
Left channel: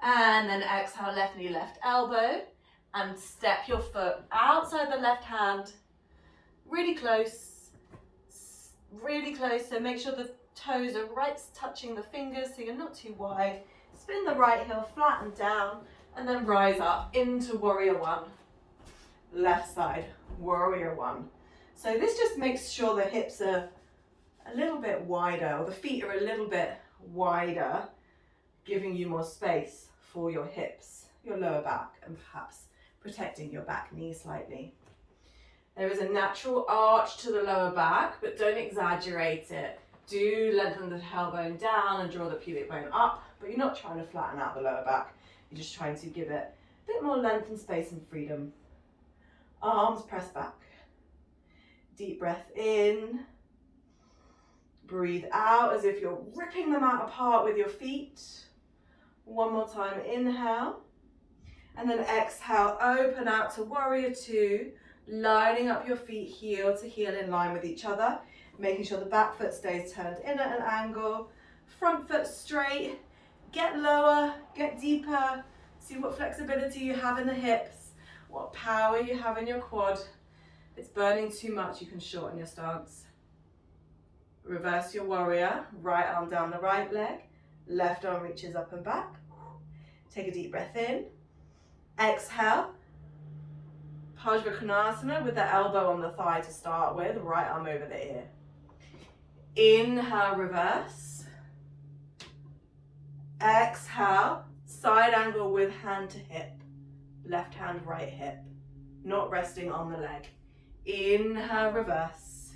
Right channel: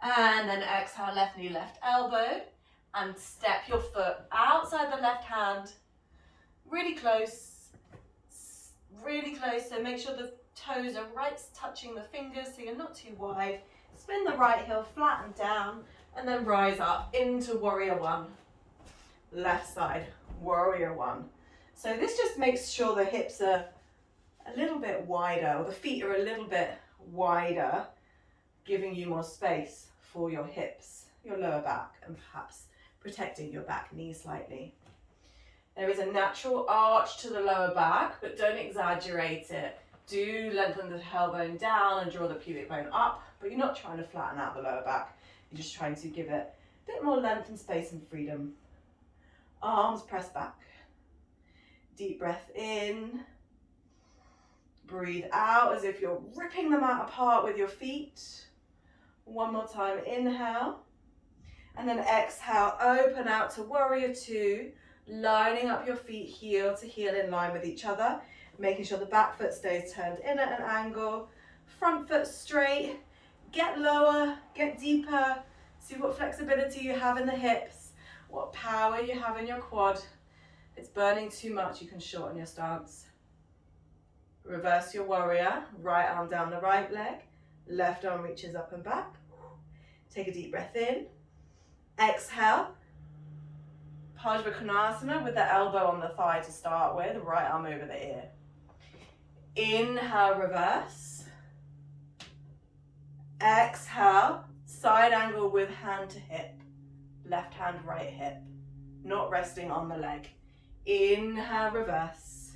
And then exhale, left knee, left elbow. And step your foot outside the left hand. Really close. Really close. So make sure the toes are right touching the fingers so you're not too wide. Spin the right heel, flatten down. And then rise up into warrior 1. Left side, warrior 1. So this just makes sure the hips are a little bit wider, or the feet are a little bit wider, giving you more space for your hips, your lower back, and perhaps protecting your back knee slightly. There is a natural arch to the lower back, but don't exaggerate it. Do lengthen the tailbone down and draw the pubic bone up, but you're not trying to flatten out the lower back. You're just trying to give it a bit more length and space and freedom. Arms press back. Deep breath in. Breathe out as if you're ripping the mat apart with your feet. 1 more time, inhale. And then exhale, open out to warrior 2, lining up your feet heel to heel in line with each other, making sure the back foot stays turned in at an angle, front foot straight, get lower, get deeper, see what flexibility you have in the hips. What power you have in your quad. If it's burning too much, you can shorten your stance. Reverse your warrior. Right arm down the right leg. Left arm reaches up and back. Take a deep breath in. Exhale. Konasana with the elbow on the thigh to start with. Right arm over the ear. Inhale, reverse. Exhale. Side angle with hand to hip. Left hand, right hip, not resting on the leg. Inhale, reverse.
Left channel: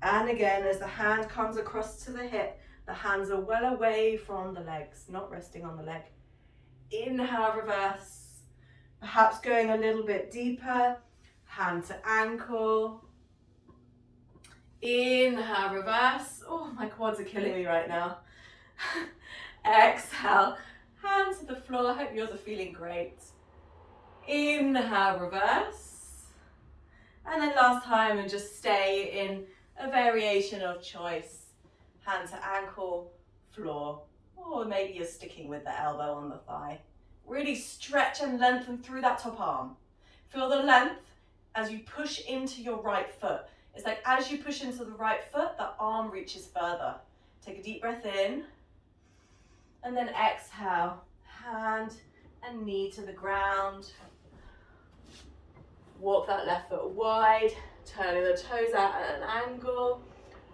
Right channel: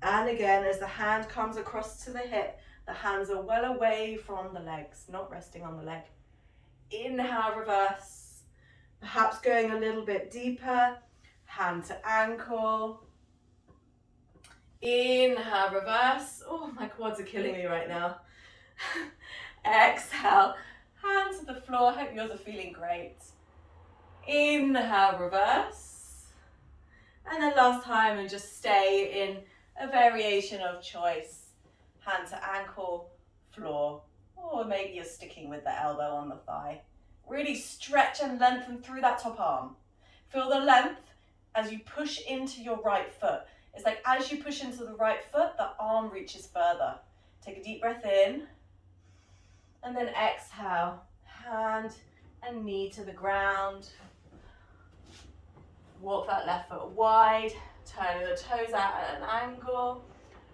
And again, as the hand comes across to the hip, the hands are well away from the legs, not resting on the leg. Inhale, reverse. Perhaps going a little bit deeper, hand to ankle. Inhale, reverse. Oh, my quads are killing me right now. Exhale, hand to the floor. Hope yours are feeling great. Inhale, reverse. And then last time, and just stay in a variation of choice. Hand to ankle, floor, or maybe you're sticking with the elbow on the thigh. Really stretch and lengthen through that top arm. Feel the length as you push into your right foot. It's like as you push into the right foot, the arm reaches further. Take a deep breath in, and then exhale, hand and knee to the ground. Walk that left foot wide, turning the toes out at an angle,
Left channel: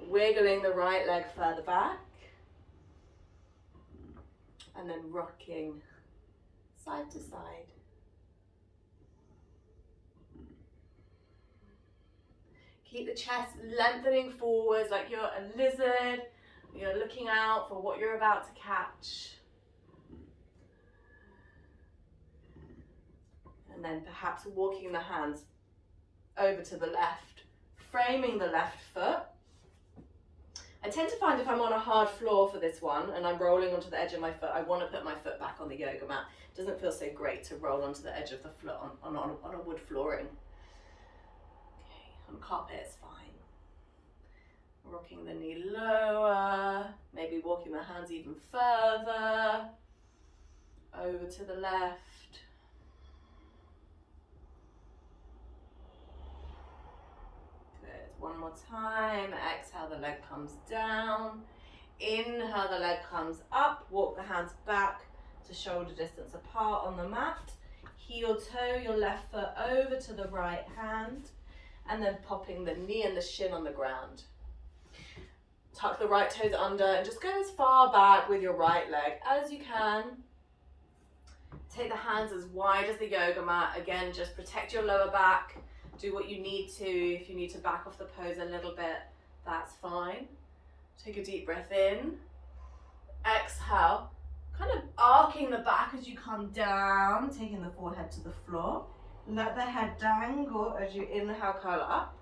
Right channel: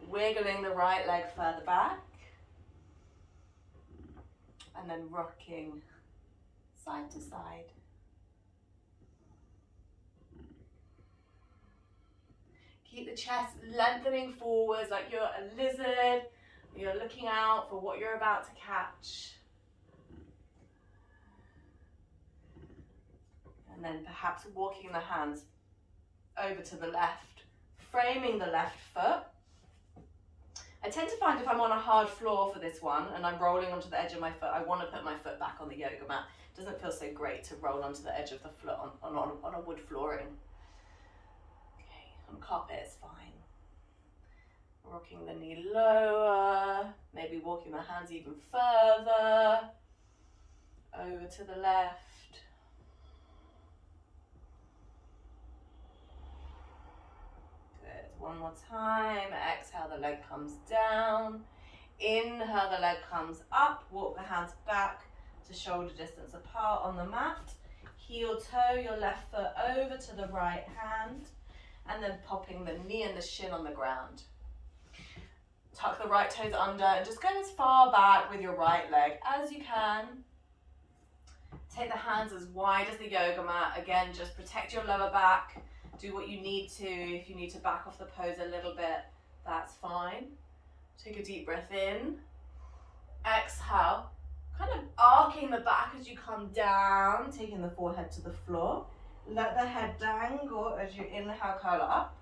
wiggling the right leg further back, and then rocking side to side. Keep the chest lengthening forwards like you're a lizard. You're looking out for what you're about to catch. And then perhaps walking the hands over to the left, framing the left foot. I tend to find if I'm on a hard floor for this one and I'm rolling onto the edge of my foot, I want to put my foot back on the yoga mat. It doesn't feel so great to roll onto the edge of the floor on a wood flooring. Okay, on carpet it's fine. Rocking the knee lower, maybe walking the hands even further, over to the left. One more time. Exhale, the leg comes down. Inhale, the leg comes up. Walk the hands back to shoulder distance apart on the mat. Heel toe your left foot over to the right hand, and then popping the knee and the shin on the ground. Tuck the right toes under and just go as far back with your right leg as you can. Take the hands as wide as the yoga mat. Again, just protect your lower back. Do what you need to. If you need to back off the pose a little bit, that's fine. Take a deep breath in. Exhale, kind of arcing the back as you come down, taking the forehead to the floor. Let the head dangle as you inhale, curl up.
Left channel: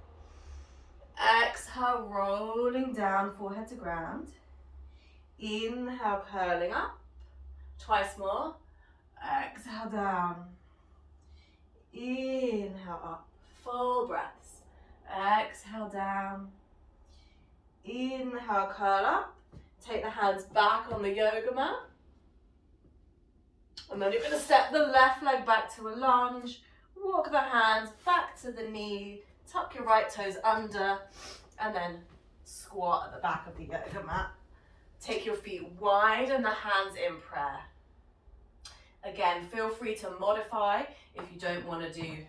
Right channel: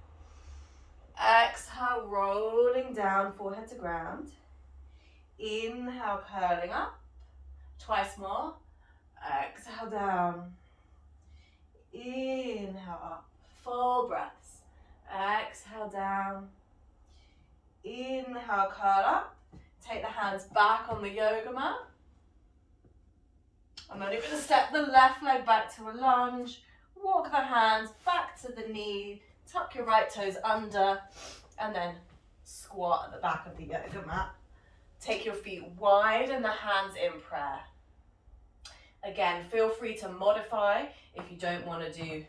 Exhale, rolling down, forehead to ground. Inhale, curling up. Twice more. Exhale, down. Inhale, up. Full breaths. Exhale, down. Inhale, curl up. Take the hands back on the yoga mat. And then you're going to step the left leg back to a lunge. Walk the hands back to the knee. Tuck your right toes under. And then squat at the back of the yoga mat. Take your feet wide and the hands in prayer. Again, feel free to modify if you don't want to do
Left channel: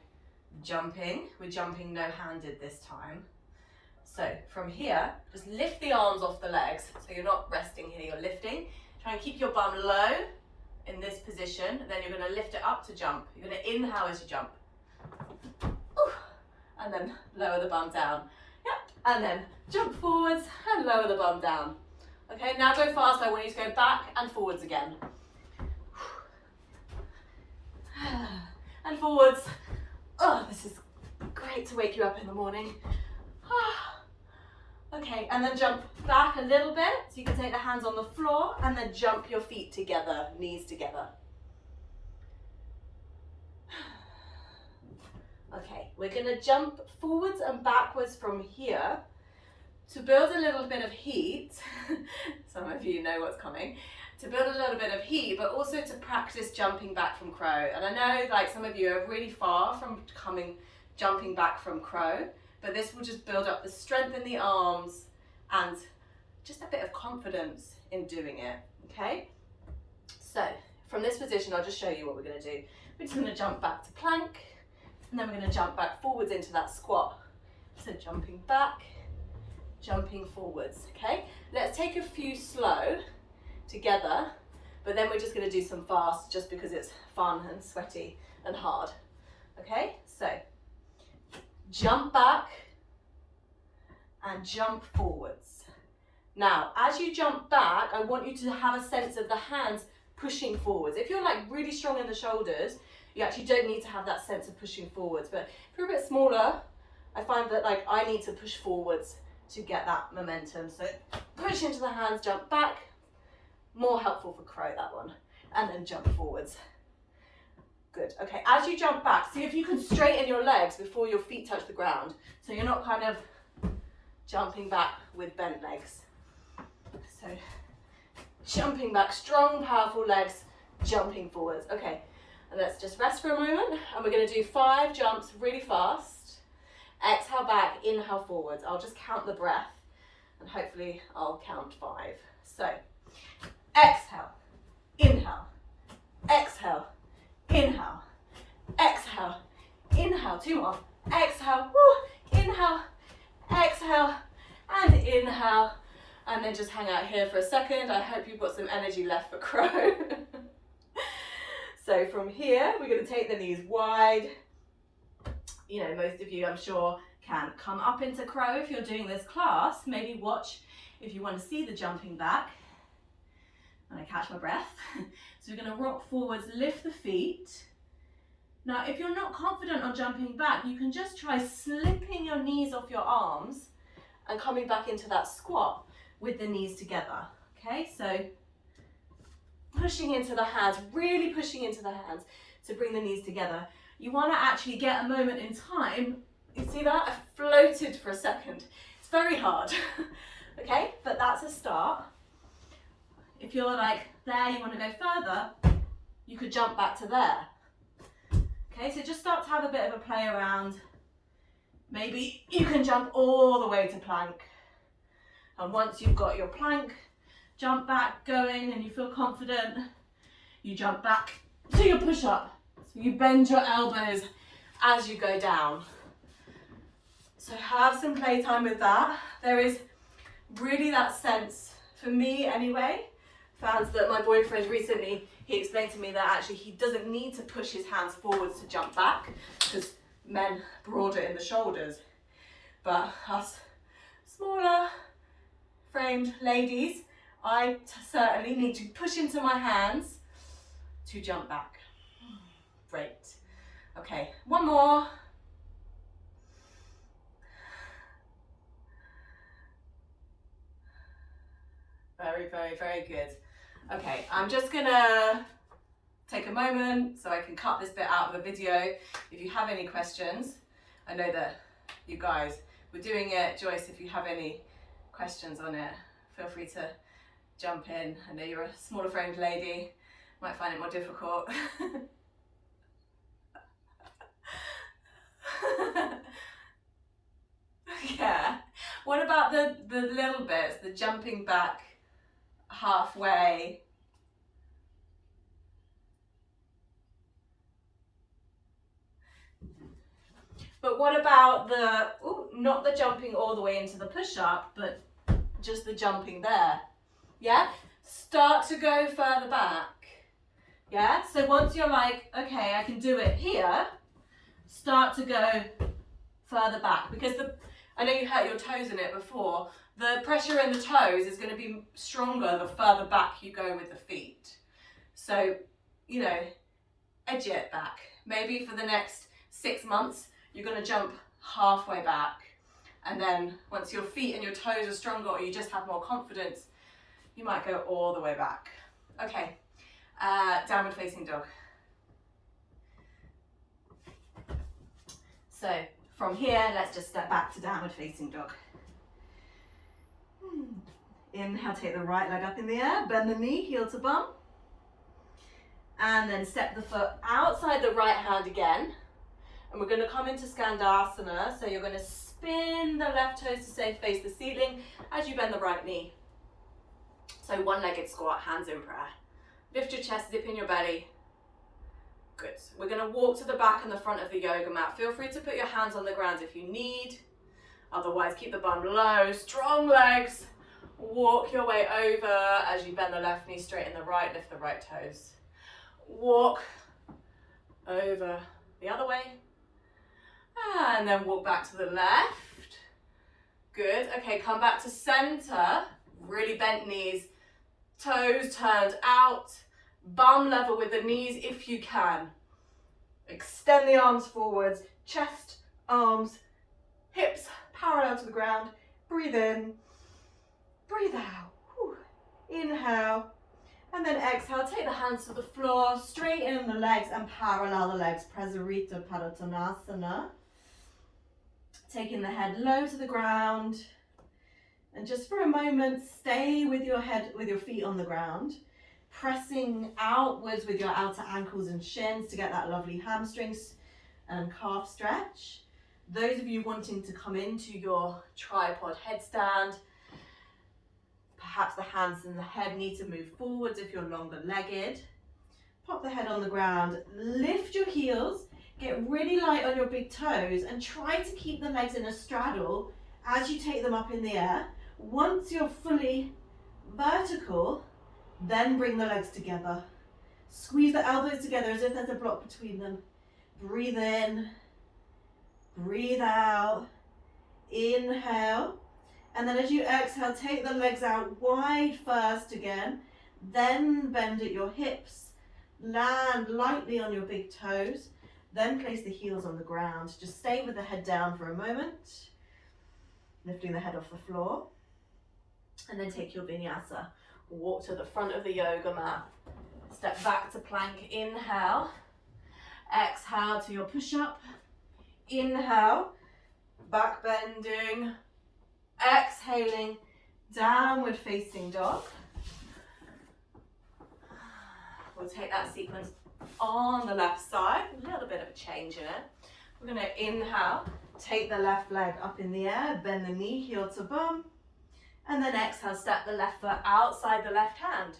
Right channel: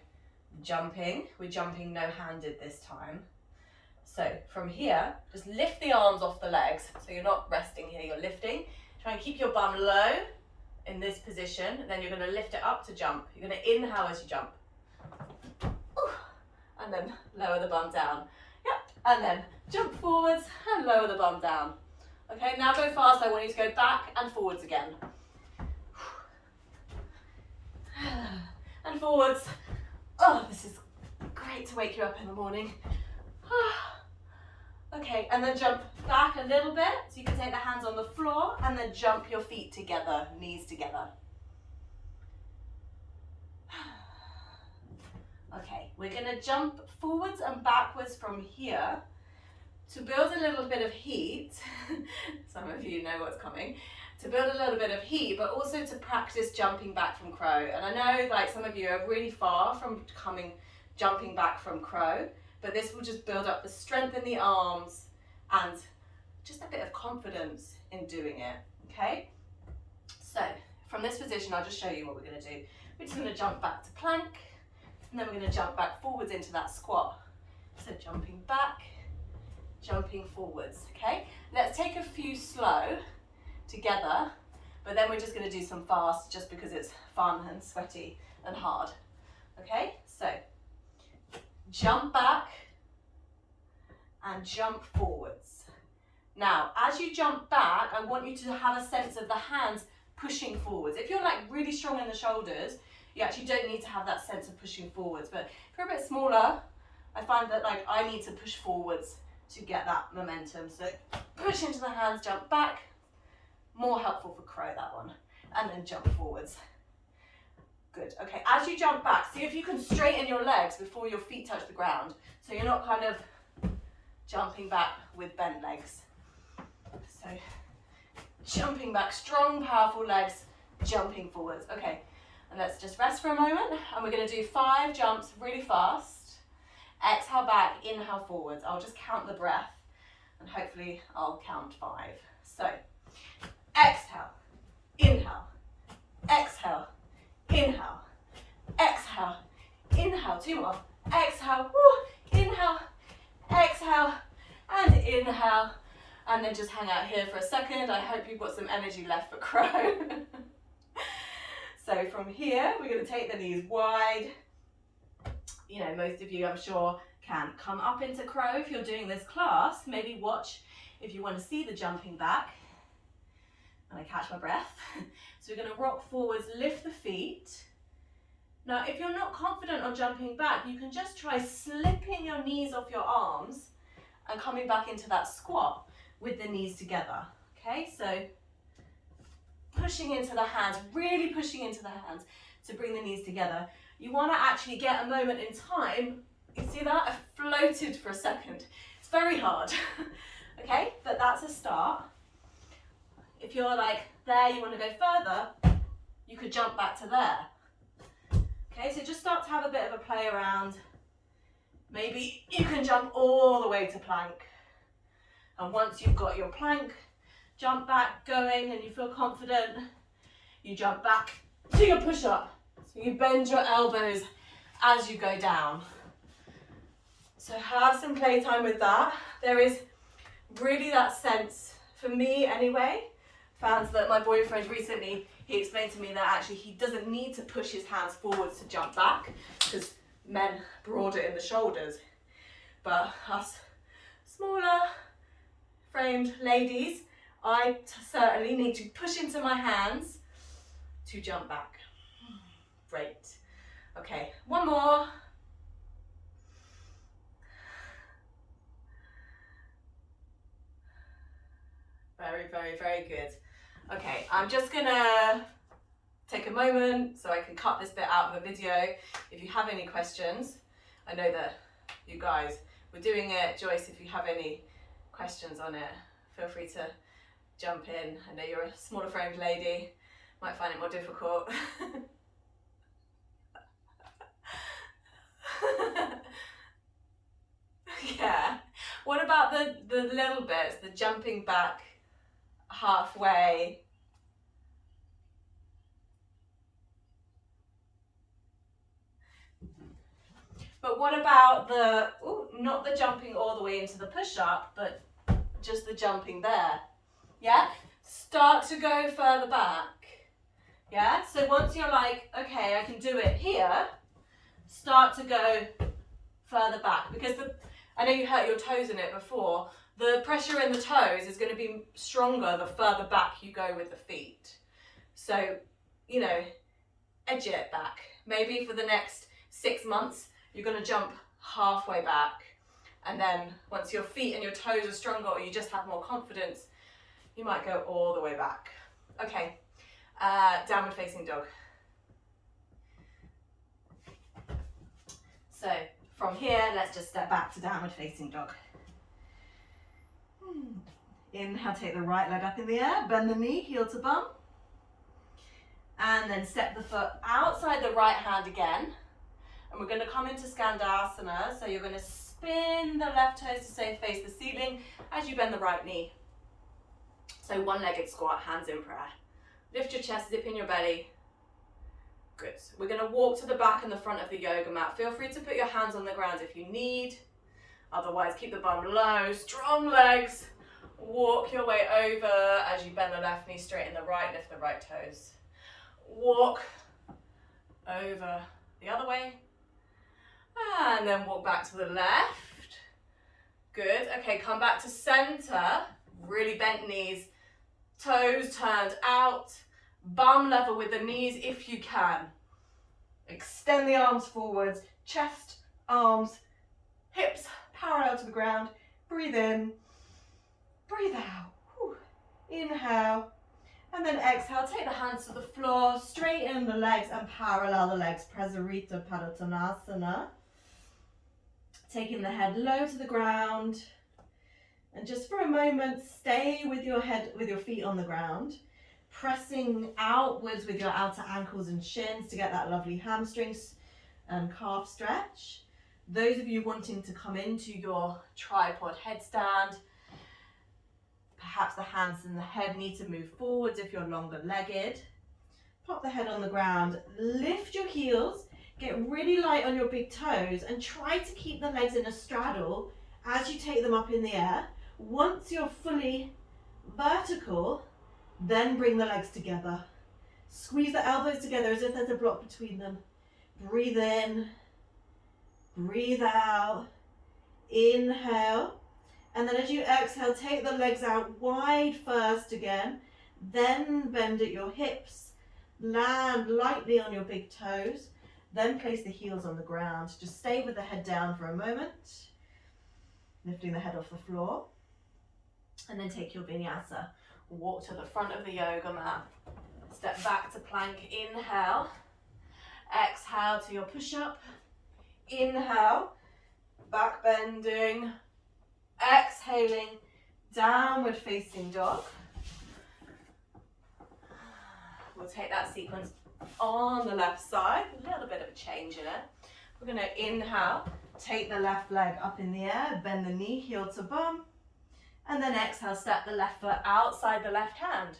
jumping. We're jumping no-handed this time. So from here, just lift the arms off the legs. So you're not resting here, you're lifting. Try and keep your bum low in this position. Then you're going to lift it up to jump. You're going to inhale as you jump. Ooh. And then lower the bum down. Yep. And then jump forwards and lower the bum down. Okay, now go fast. I want you to go back and forwards again. And forwards. Oh, this is great to wake you up in the morning. Okay, and then jump back a little bit. So you can take the hands on the floor and then jump your feet together, knees together. Okay, we're going to jump forwards and backwards from here to build a little bit of heat. Some of you know what's coming. To build a little bit of heat, but also to practice jumping back from crow. And I know like some of you are really far from jumping back from crow, but this will just build up the strength in the arms and just a bit of confidence in doing it, okay? So from this position, I'll just show you what we're gonna do. We're just gonna jump back to plank, and then we're gonna jump back forwards into that squat. So jumping back, jumping forwards, okay? Let's take a few slow together, but then we're just going to do some fast just because it's fun and sweaty and hard. Okay, so jump back, and jump forwards. Now, as you jump back, I want you to have a sense of the hands pushing forwards. If you're like really strong in the shoulders, you actually don't need to have that sense of pushing forwards. But if you're a bit smaller, I find that like I need to push forwards to get that momentum. So push into the hands, jump back. More helpful for crow, that one. And then jump forwards. Good. Okay, as you jump back, see if you can straighten your legs before your feet touch the ground. So you're not kind of jumping back with bent legs. So jumping back, strong, powerful legs, jumping forwards. Okay, and let's just rest for a moment. And we're going to do 5 jumps really fast. Exhale back, inhale forwards. I'll just count the breath and hopefully I'll count 5. So exhale, inhale, exhale, inhale, exhale, inhale. 2 more. Exhale, woo, inhale, exhale, and inhale. And then just hang out here for a second. I hope you've got some energy left for crow. So from here, we're going to take the knees wide. You know, most of you, I'm sure, can come up into crow if you're doing this class. Maybe watch if you want to see the jumping back. And I catch my breath. So we're going to rock forwards, lift the feet. Now, if you're not confident on jumping back, you can just try slipping your knees off your arms and coming back into that squat with the knees together. Okay, so pushing into the hands, really pushing into the hands to bring the knees together. You want to actually get a moment in time. You see that? I floated for a second. It's very hard. Okay, but that's a start. If you're like there, you want to go further, you could jump back to there. Okay, so just start to have a bit of a play around. Maybe you can jump all the way to plank. And once you've got your plank, jump back going and you feel confident, you jump back to your push-up. So you bend your elbows as you go down. So have some playtime with that. There is really that sense, for me anyway, found that my boyfriend recently, he explained to me that actually he doesn't need to push his hands forwards to jump back because men broader in the shoulders. But us smaller framed ladies, I certainly need to push into my hands to jump back. Great. Okay, one more. Very, very, very good. Okay, I'm just gonna take a moment so I can cut this bit out of the video. If you have any questions, I know that you guys were doing it. Joyce, if you have any questions on it, feel free to jump in. I know you're a smaller framed lady, might find it more difficult. Yeah. What about the little bits, the jumping back halfway? But what about the, not the jumping all the way into the push-up, but just the jumping there? Yeah? Start to go further back. Yeah? So once you're like, okay, I can do it here, start to go further back. Because I know you hurt your toes in it before. The pressure in the toes is going to be stronger the further back you go with the feet. So, you know, edge it back. Maybe for the next 6 months, you're going to jump halfway back. And then once your feet and your toes are stronger or you just have more confidence, you might go all the way back. Okay, downward facing dog. So from here, let's just step back to downward facing dog. Inhale, take the right leg up in the air, bend the knee, heel to bum. And then step the foot outside the right hand again. And we're going to come into Skandasana. So you're going to spin the left toes to say face the ceiling as you bend the right knee. So one-legged squat, hands in prayer. Lift your chest, zip in your belly. Good. We're going to walk to the back and the front of the yoga mat. Feel free to put your hands on the ground if you need. Otherwise, keep the bum low, strong legs. Walk your way over as you bend the left knee, straighten the right, lift the right toes. Walk over the other way. And then walk back to the left. Good. Okay, come back to center. Really bent knees. Toes turned out. Bum level with the knees if you can. Extend the arms forwards. Chest, arms, hips parallel to the ground. Breathe in. Breathe out. Whew. Inhale. And then exhale. Take the hands to the floor. Straighten the legs and parallel the legs. Prasarita Padottanasana. Taking the head low to the ground. And just for a moment, stay with your head, with your feet on the ground. Pressing outwards with your outer ankles and shins to get that lovely hamstrings and calf stretch. Those of you wanting to come into your tripod headstand, perhaps the hands and the head need to move forwards if you're longer legged. Pop the head on the ground, lift your heels, get really light on your big toes and try to keep the legs in a straddle as you take them up in the air. Once you're fully vertical, then bring the legs together. Squeeze the elbows together as if there's a block between them. Breathe in, breathe out, inhale. And then as you exhale, take the legs out wide first again, then bend at your hips, land lightly on your big toes, then place the heels on the ground. Just stay with the head down for a moment, lifting the head off the floor, and then take your vinyasa. Walk to the front of the yoga mat, step back to plank, inhale, exhale to your push-up, inhale, back bending, exhaling, downward facing dog. We'll take that sequence on the left side, a little bit of a change in it. We're going to inhale, take the left leg up in the air, bend the knee, heel to bum, and then exhale, step the left foot outside the left hand.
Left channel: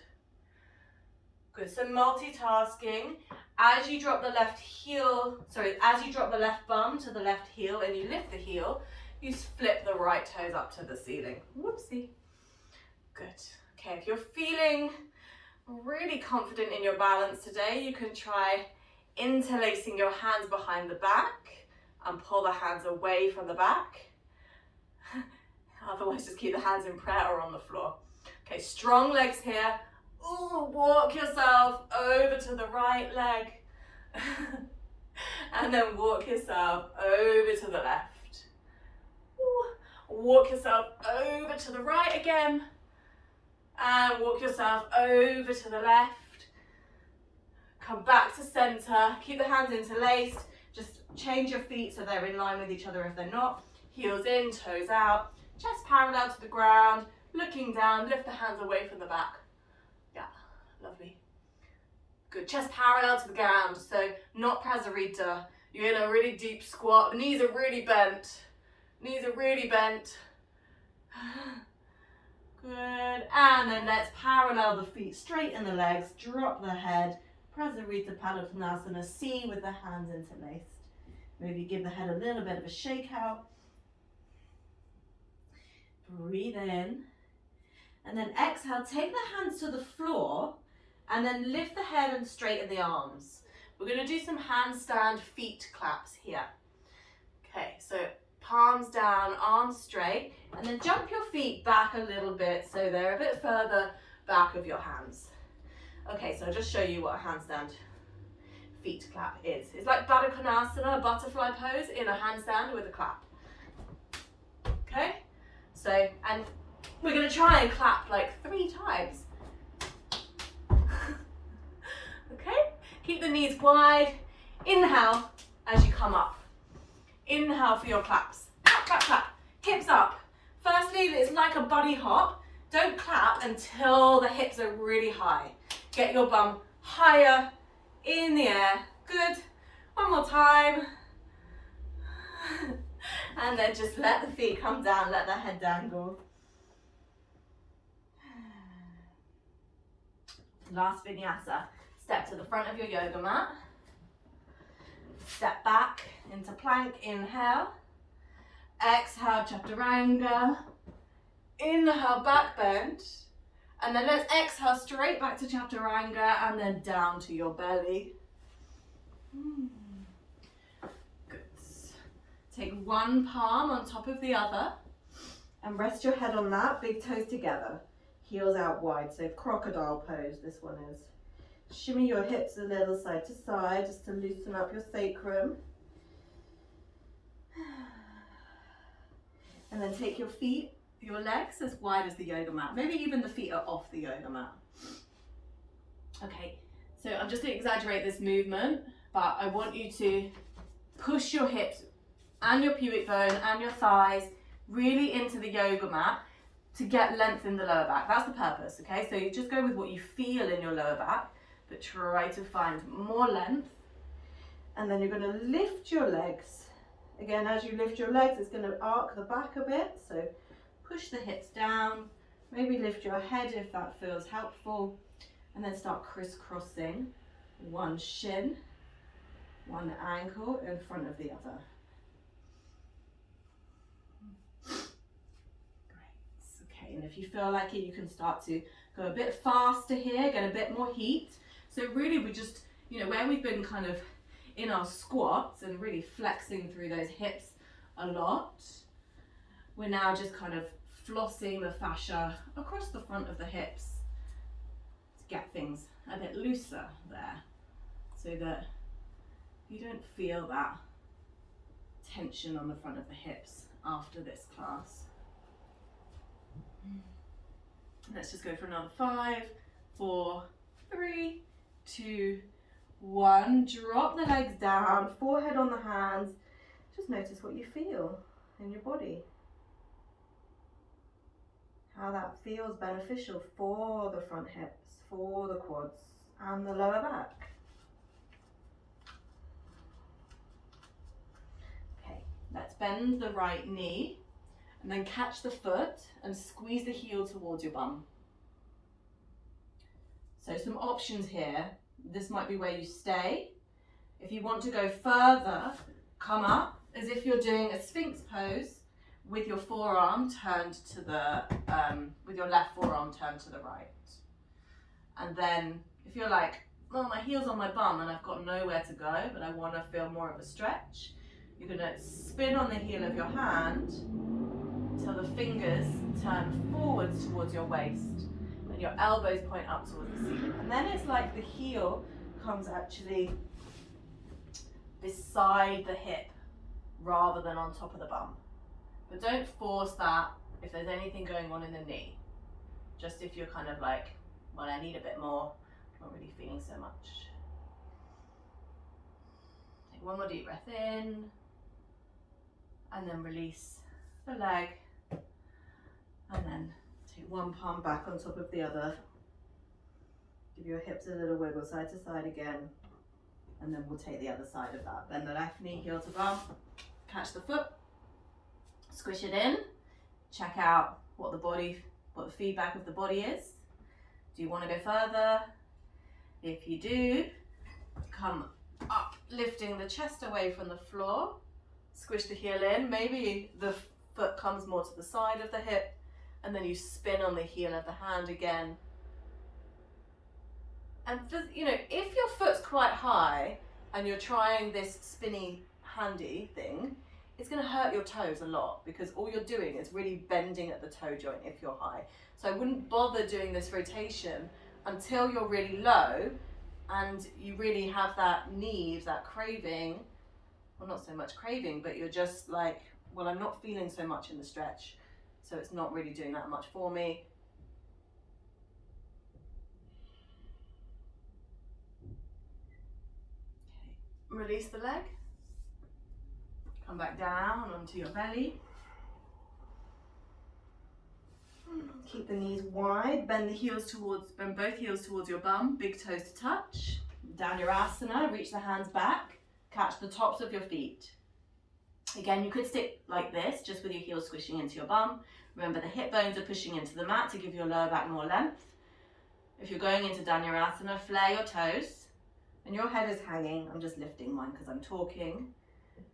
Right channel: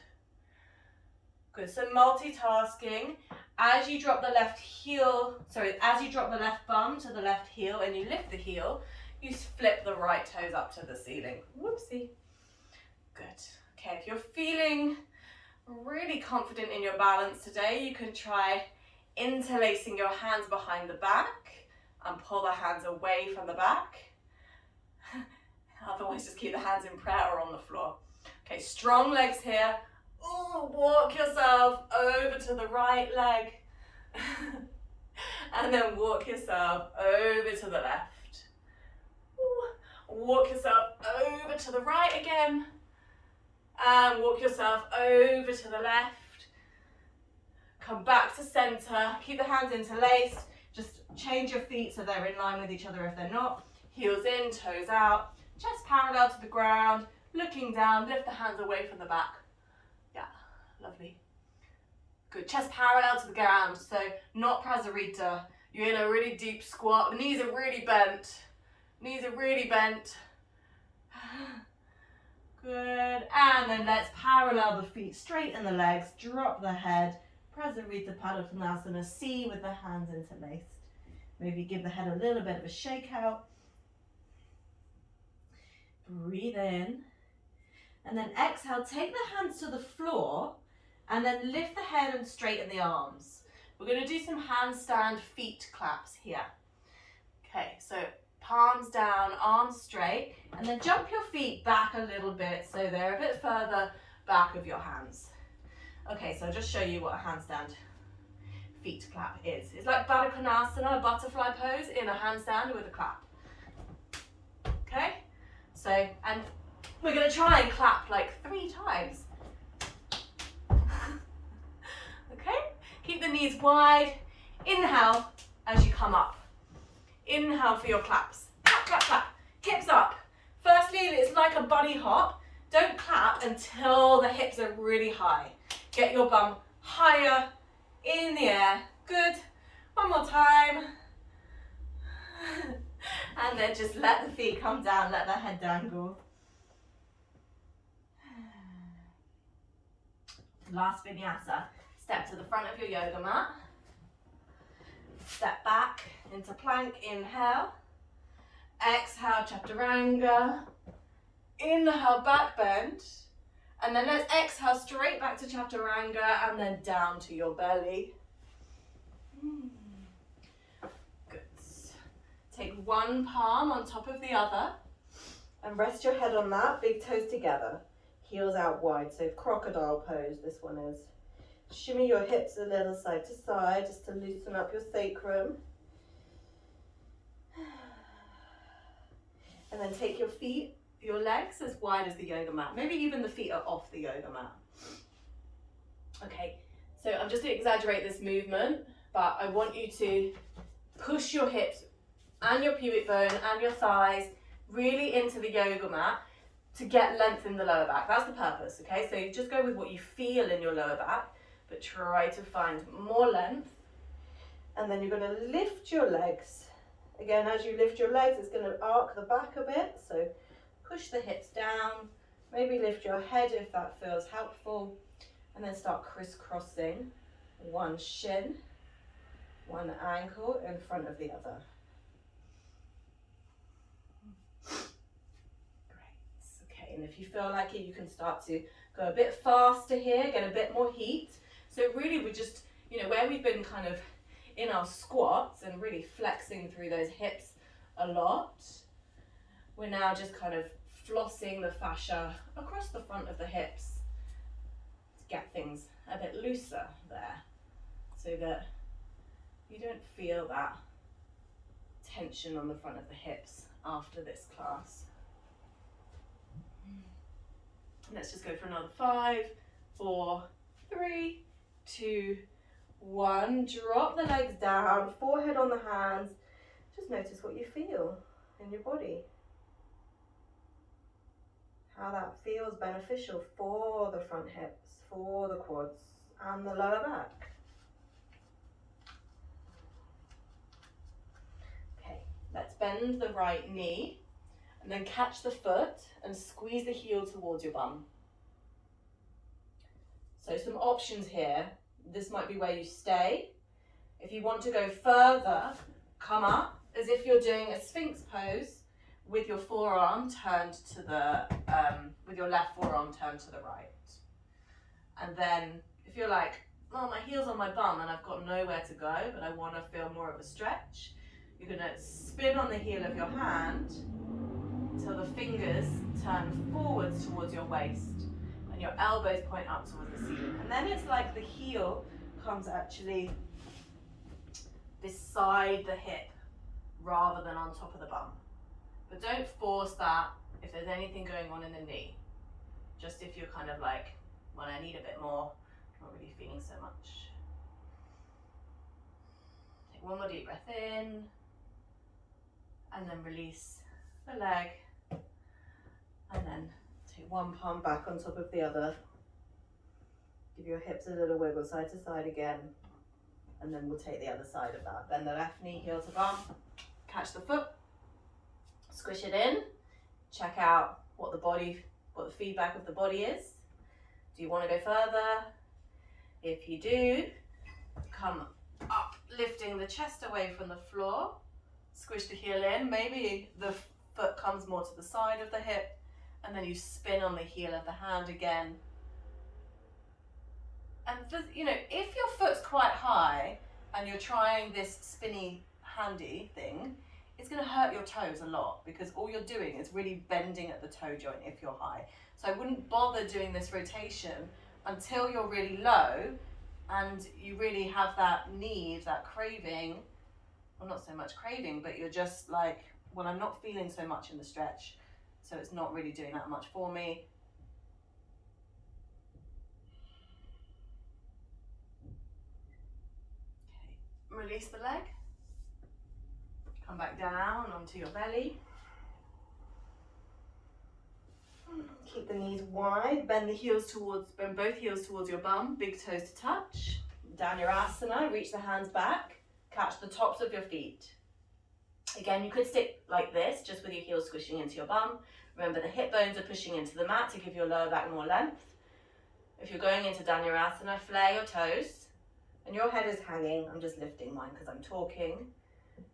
Good, so multitasking. As you drop the left bum to the left heel and you lift the heel, you flip the right toes up to the ceiling. Whoopsie. Good. Okay, if you're feeling really confident in your balance today, you can try interlacing your hands behind the back and pull the hands away from the back. Otherwise, just keep the hands in prayer or on the floor. Okay, strong legs here. Ooh, walk yourself over to the right leg. And then walk yourself over to the left. Ooh, walk yourself over to the right again. And walk yourself over to the left. Come back to center. Keep the hands interlaced. Just change your feet so they're in line with each other if they're not. Heels in, toes out. Chest parallel to the ground, looking down, lift the hands away from the back. Yeah, lovely. Good, chest parallel to the ground, so not Prasarita. You're in a really deep squat, the knees are really bent. Knees are really bent. Good, and then let's parallel the feet, straighten the legs, drop the head. Prasarita Padottanasana, C with the hands interlaced. Maybe give the head a little bit of a shake out. Breathe in, and then exhale, take the hands to the floor, and then lift the head and straighten the arms. We're going to do some handstand feet claps here. Okay, so palms down, arms straight, and then jump your feet back a little bit so they're a bit further back of your hands. Okay, so I'll just show you what a handstand feet clap is. It's like bakasana, a butterfly pose in a handstand with a clap. Okay? So, and we're going to try and clap like 3 times. Okay? Keep the knees wide. Inhale as you come up. Inhale for your claps. Clap, clap, clap. Hips up. Firstly, it's like a bunny hop. Don't clap until the hips are really high. Get your bum higher in the air. Good. One more time. And then just let the feet come down, let the head dangle. Last vinyasa. Step to the front of your yoga mat. Step back into plank, inhale. Exhale, chaturanga. Inhale, back bend. And then let's exhale straight back to chaturanga and then down to your belly. Good. Take one palm on top of the other and rest your head on that, big toes together, heels out wide. So crocodile pose, this one is. Shimmy your hips a little side to side just to loosen up your sacrum. And then take your feet, your legs as wide as the yoga mat. Maybe even the feet are off the yoga mat. Okay, so I'm just going to exaggerate this movement, but I want you to push your hips and your pubic bone and your thighs really into the yoga mat to get length in the lower back. That's the purpose, okay? So you just go with what you feel in your lower back, but try to find more length. And then you're going to lift your legs. Again, as you lift your legs, it's going to arc the back a bit. So push the hips down, maybe lift your head if that feels helpful, and then start crisscrossing one shin, one ankle in front of the other. Great. Okay, and if you feel like it, you can start to go a bit faster here, get a bit more heat. So really we just, where we've been kind of in our squats and really flexing through those hips a lot, we're now just kind of flossing the fascia across the front of the hips to get things a bit looser there, so that you don't feel that tension on the front of the hips after this class. Let's just go for another 5, 4, 3, 2, 1. Drop the legs down, forehead on the hands. Just notice what you feel in your body. How that feels beneficial for the front hips, for the quads and the lower back. Okay, let's bend the right knee and then catch the foot and squeeze the heel towards your bum. So some options here. This might be where you stay. If you want to go further, come up as if you're doing a Sphinx pose with your forearm turned to the, with your left forearm turned to the right. And then if you're like, well, my heel's on my bum and I've got nowhere to go, but I want to feel more of a stretch, you're going to spin on the heel of your hand until the fingers turn forwards towards your waist and your elbows point up towards the ceiling. And then it's like the heel comes actually beside the hip rather than on top of the bum. But don't force that if there's anything going on in the knee. Just if you're kind of like, well, I need a bit more, not really feeling so much. Take one more deep breath in, and then release the leg, and then take one palm back on top of the other. Give your hips a little wiggle side to side again, and then we'll take the other side of that. Bend the left knee, heel to bum, catch the foot, squish it in, check out what the feedback of the body is. Do you want to go further? If you do, come up, lifting the chest away from the floor, squish the heel in, maybe the foot comes more to the side of the hip, and then you spin on the heel of the hand again. And if your foot's quite high and you're trying this spinny handy thing, it's going to hurt your toes a lot, because all you're doing is really bending at the toe joint if you're high. So I wouldn't bother doing this rotation until you're really low and you really have that need, that craving, well, not so much craving, but you're just like, well, I'm not feeling so much in the stretch, so it's not really doing that much for me. Okay, release the leg. Come back down onto your belly. Keep the knees wide, bend both heels towards your bum, big toes to touch. Dhanurasana, reach the hands back, catch the tops of your feet. Again, you could stick like this, just with your heels squishing into your bum. Remember, the hip bones are pushing into the mat to give your lower back more length. If you're going into Dhanurasana, flare your toes, and your head is hanging. I'm just lifting mine because I'm talking.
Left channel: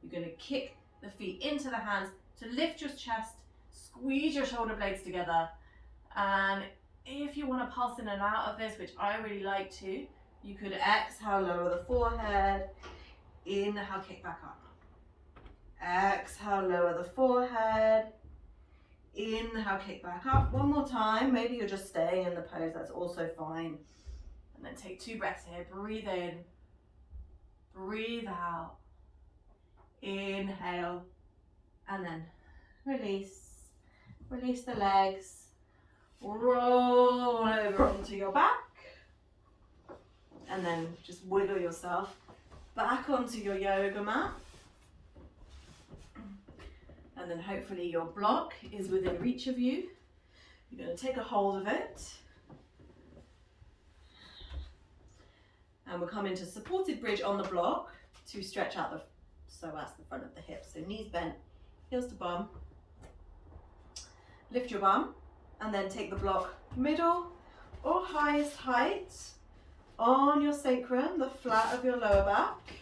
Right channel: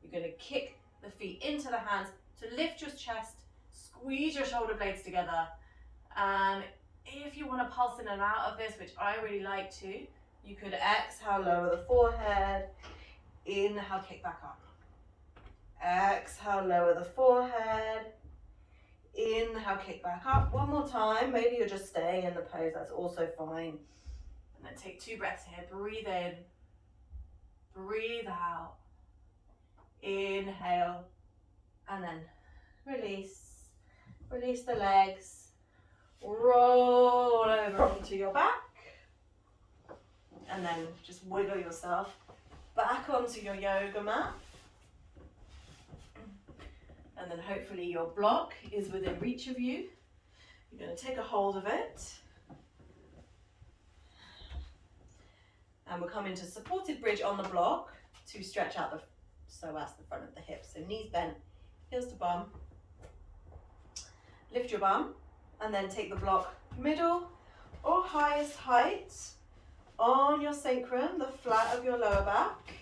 You're going to kick the feet into the hands to lift your chest, squeeze your shoulder blades together, and if you want to pulse in and out of this, which I really like to, you could exhale, lower the forehead, inhale, kick back up. Exhale, lower the forehead. Inhale, kick back up. One more time. Maybe you're just staying in the pose. That's also fine. And then take 2 breaths here. Breathe in. Breathe out. Inhale. And then release. Release the legs. Roll over onto your back. And then just wiggle yourself back onto your yoga mat. And then hopefully your block is within reach of you. You're going to take a hold of it. And we'll come into supported bridge on the block to stretch out the psoas, the front of the hips. So knees bent, heels to bum. Lift your bum and then take the block middle or highest height on your sacrum, the flat of your lower back.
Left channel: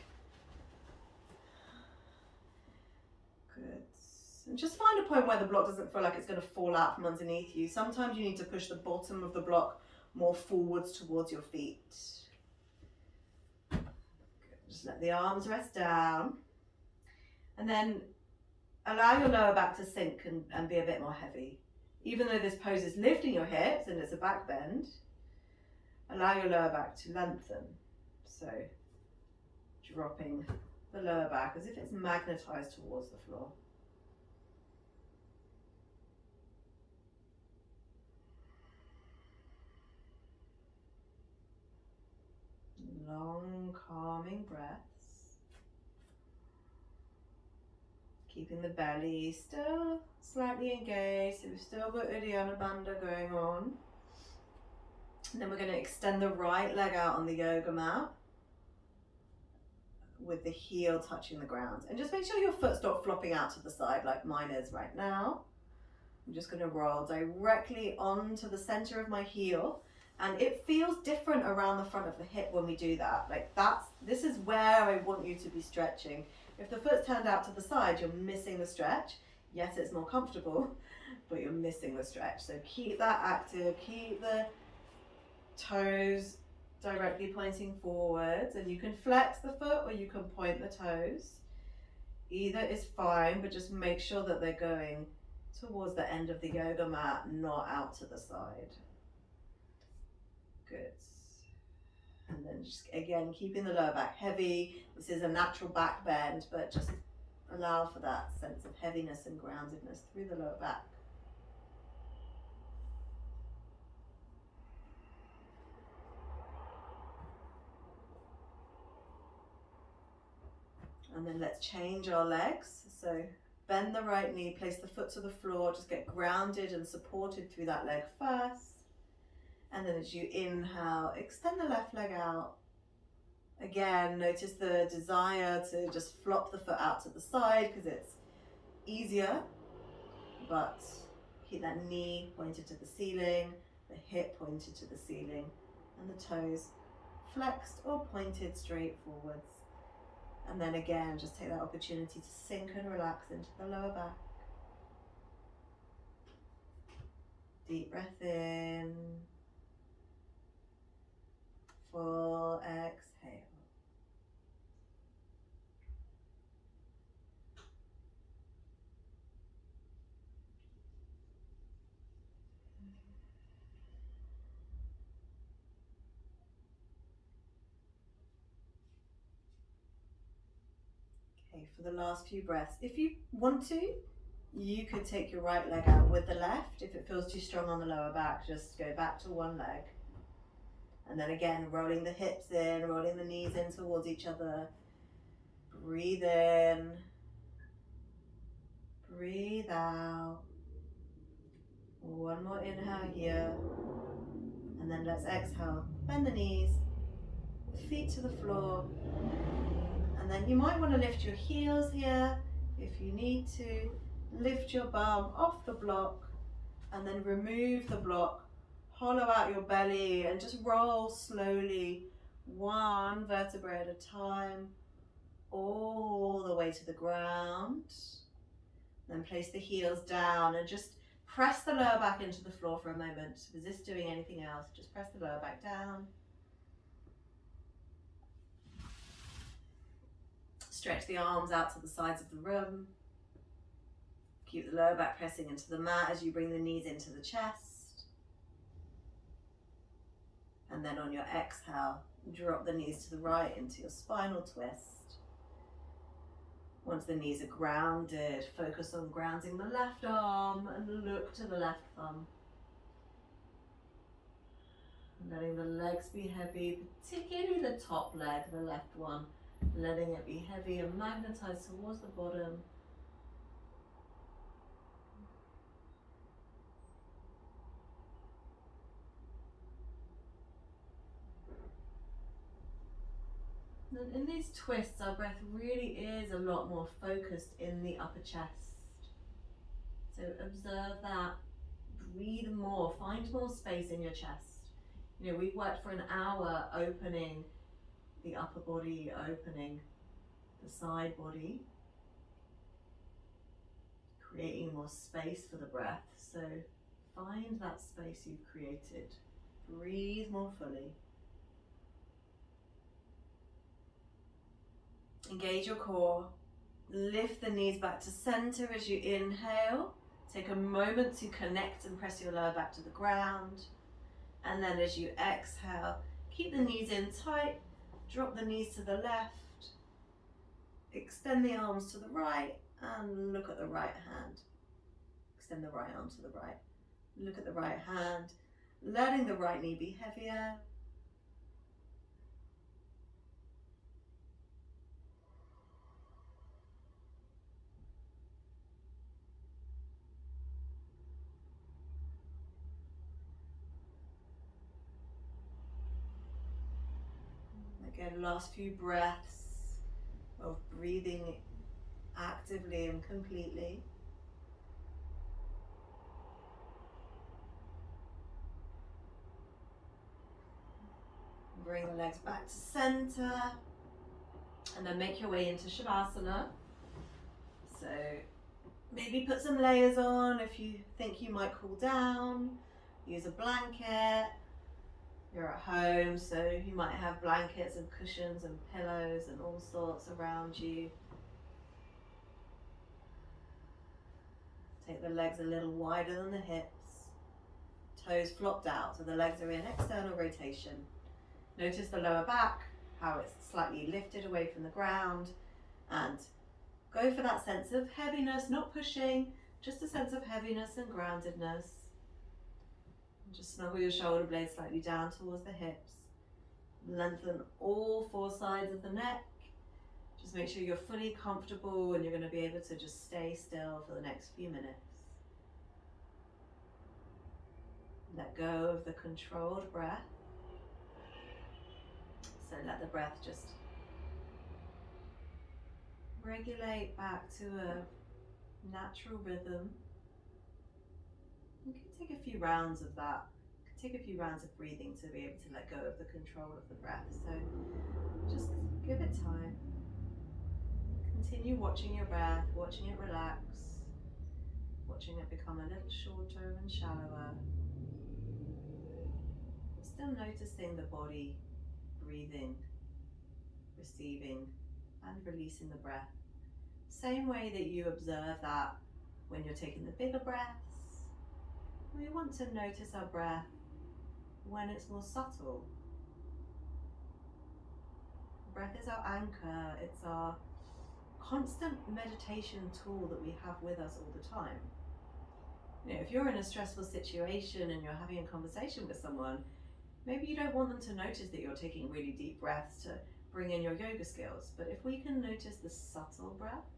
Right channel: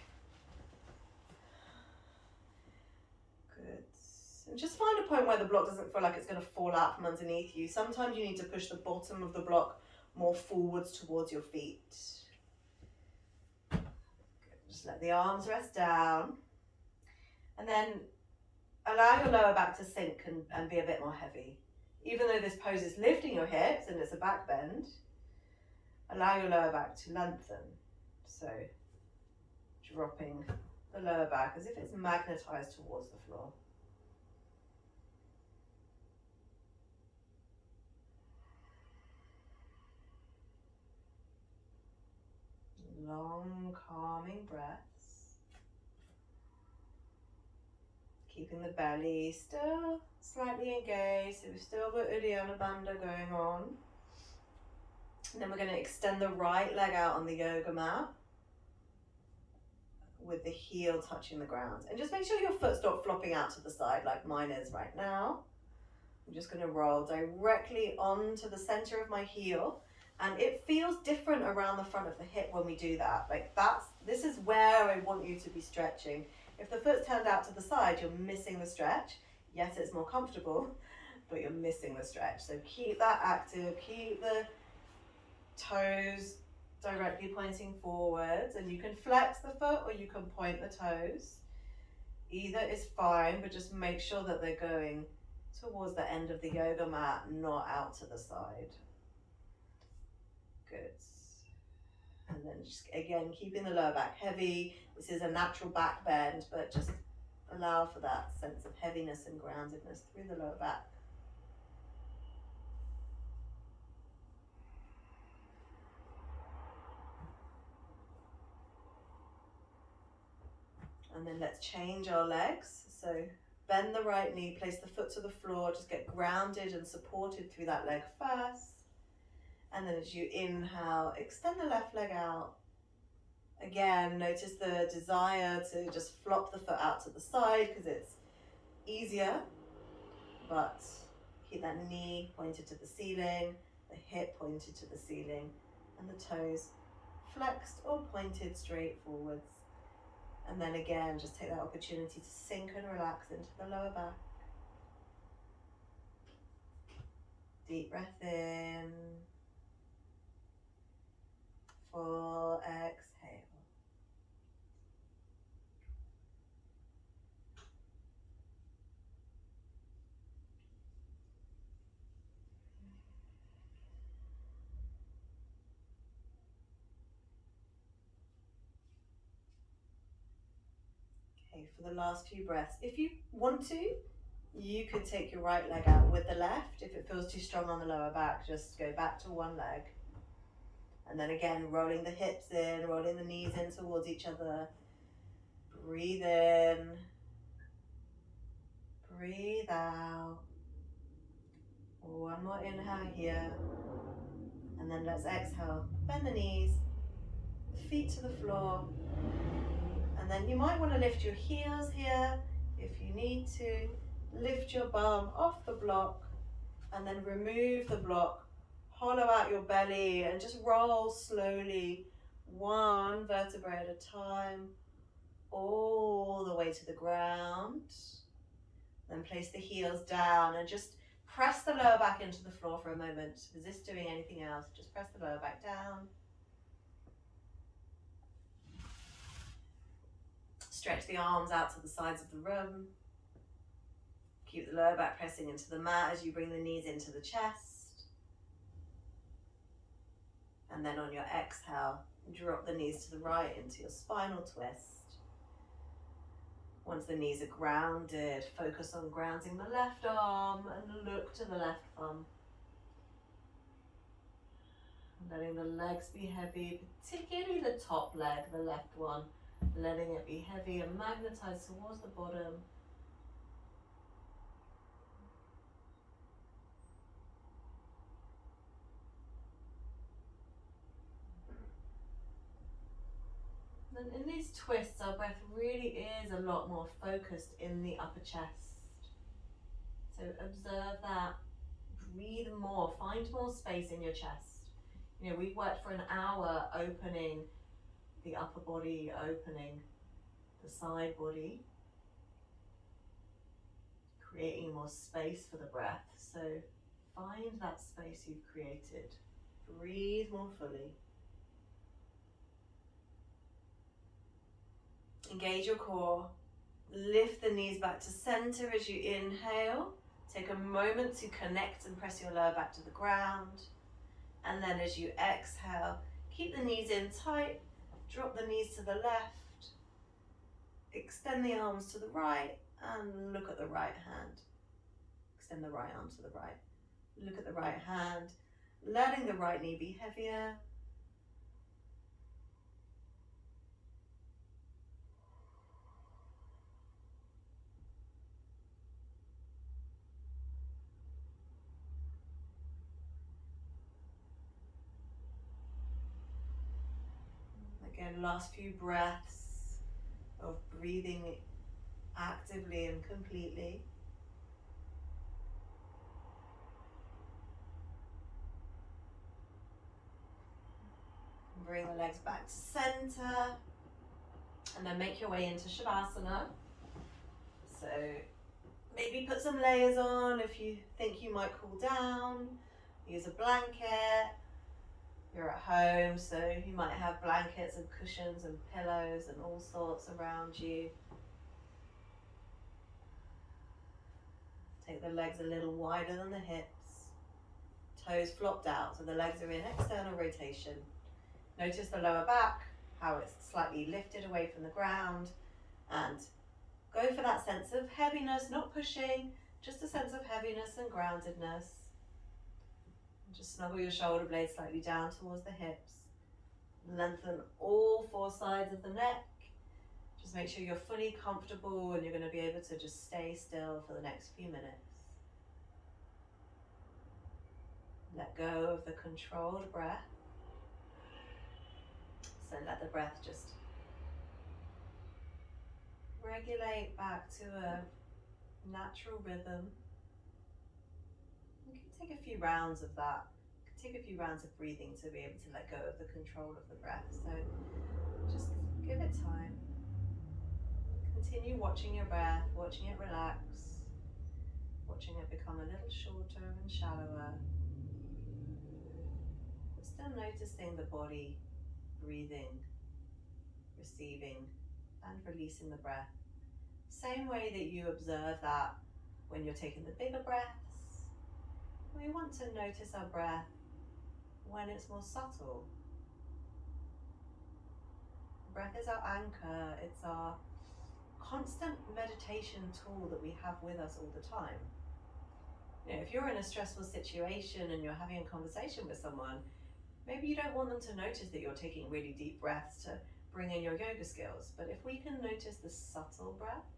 Good. And just find a point where the block doesn't feel like it's going to fall out from underneath you. Sometimes you need to push the bottom of the block more forwards towards your feet. Good. Just let the arms rest down. And then allow your lower back to sink and be a bit more heavy. Even though this pose is lifting your hips and it's a back bend, allow your lower back to lengthen. So dropping the lower back as if it's magnetized towards the floor. Long, calming breaths. Keeping the belly still slightly engaged, so we've still got Uddiyana Bandha going on. And then we're going to extend the right leg out on the yoga mat with the heel touching the ground. And just make sure your foot's not flopping out to the side like mine is right now. I'm just going to roll directly onto the center of my heel. And it feels different around the front of the hip when we do that. Like this is where I want you to be stretching. If the foot's turned out to the side, you're missing the stretch. Yes, it's more comfortable, but you're missing the stretch. So keep that active, keep the toes directly pointing forwards, and you can flex the foot or you can point the toes. Either is fine, but just make sure that they're going towards the end of the yoga mat, not out to the side. Good. And then just again, keeping the lower back heavy. This is a natural back bend, but just allow for that sense of heaviness and groundedness through the lower back. And then let's change our legs. So bend the right knee, place the foot to the floor, just get grounded and supported through that leg first. And then as you inhale, extend the left leg out. Again, notice the desire to just flop the foot out to the side because it's easier, but keep that knee pointed to the ceiling, the hip pointed to the ceiling, and the toes flexed or pointed straight forwards. And then again, just take that opportunity to sink and relax into the lower back. Deep breath in. Full exhale. Okay, for the last few breaths, if you want to, you could take your right leg out with the left. If it feels too strong on the lower back, just go back to one leg. And then again, rolling the hips in, rolling the knees in towards each other. Breathe in. Breathe out. One more inhale here. And then let's exhale. Bend the knees, feet to the floor. And then you might want to lift your heels here if you need to. Lift your bum off the block and then remove the block. Hollow out your belly and just roll slowly, one vertebrae at a time, all the way to the ground. Then place the heels down and just press the lower back into the floor for a moment. Resist doing anything else, just press the lower back down. Stretch the arms out to the sides of the room. Keep the lower back pressing into the mat as you bring the knees into the chest. And then on your exhale, drop the knees to the right into your spinal twist. Once the knees are grounded, focus on grounding the left arm and look to the left thumb. Letting the legs be heavy, particularly the top leg, the left one. Letting it be heavy and magnetized towards the bottom. And in these twists, our breath really is a lot more focused in the upper chest. So observe that, breathe more, find more space in your chest. You know, we've worked for an hour opening the upper body, opening the side body, creating more space for the breath. So find that space you've created. Breathe more fully. Engage your core. Lift the knees back to center as you inhale. Take a moment to connect and press your lower back to the ground. And then as you exhale, keep the knees in tight. Drop the knees to the left. Extend the arms to the right and look at the right hand. Extend the right arm to the right. Look at the right hand, letting the right knee be heavier. Again, last few breaths of breathing actively and completely. Bring the legs back to center and then make your way into Shavasana. So maybe put some layers on if you think you might cool down. Use a blanket. You're at home, so you might have blankets and cushions and pillows and all sorts around you. Take the legs a little wider than the hips. Toes flopped out, so the legs are in external rotation. Notice the lower back, how it's slightly lifted away from the ground, and go for that sense of heaviness, not pushing, just a sense of heaviness and groundedness. Just snuggle your shoulder blades slightly down towards the hips. Lengthen all four sides of the neck. Just make sure you're fully comfortable and you're going to be able to just stay still for the next few minutes. Let go of the controlled breath. So let the breath just regulate back to a natural rhythm. You can take a few rounds of that. You can take a few rounds of breathing to be able to let go of the control of the breath. So just give it time. Continue watching your breath, watching it relax, watching it become a little shorter and shallower. But still noticing the body breathing, receiving, and releasing the breath. Same way that you observe that when you're taking the bigger breaths. We want to notice our breath when it's more subtle. Breath is our anchor, it's our constant meditation tool that we have with us all the time. You know, if you're in a stressful situation and you're having a conversation with someone, maybe you don't want them to notice that you're taking really deep breaths to bring in your yoga skills. But if we can notice the subtle breath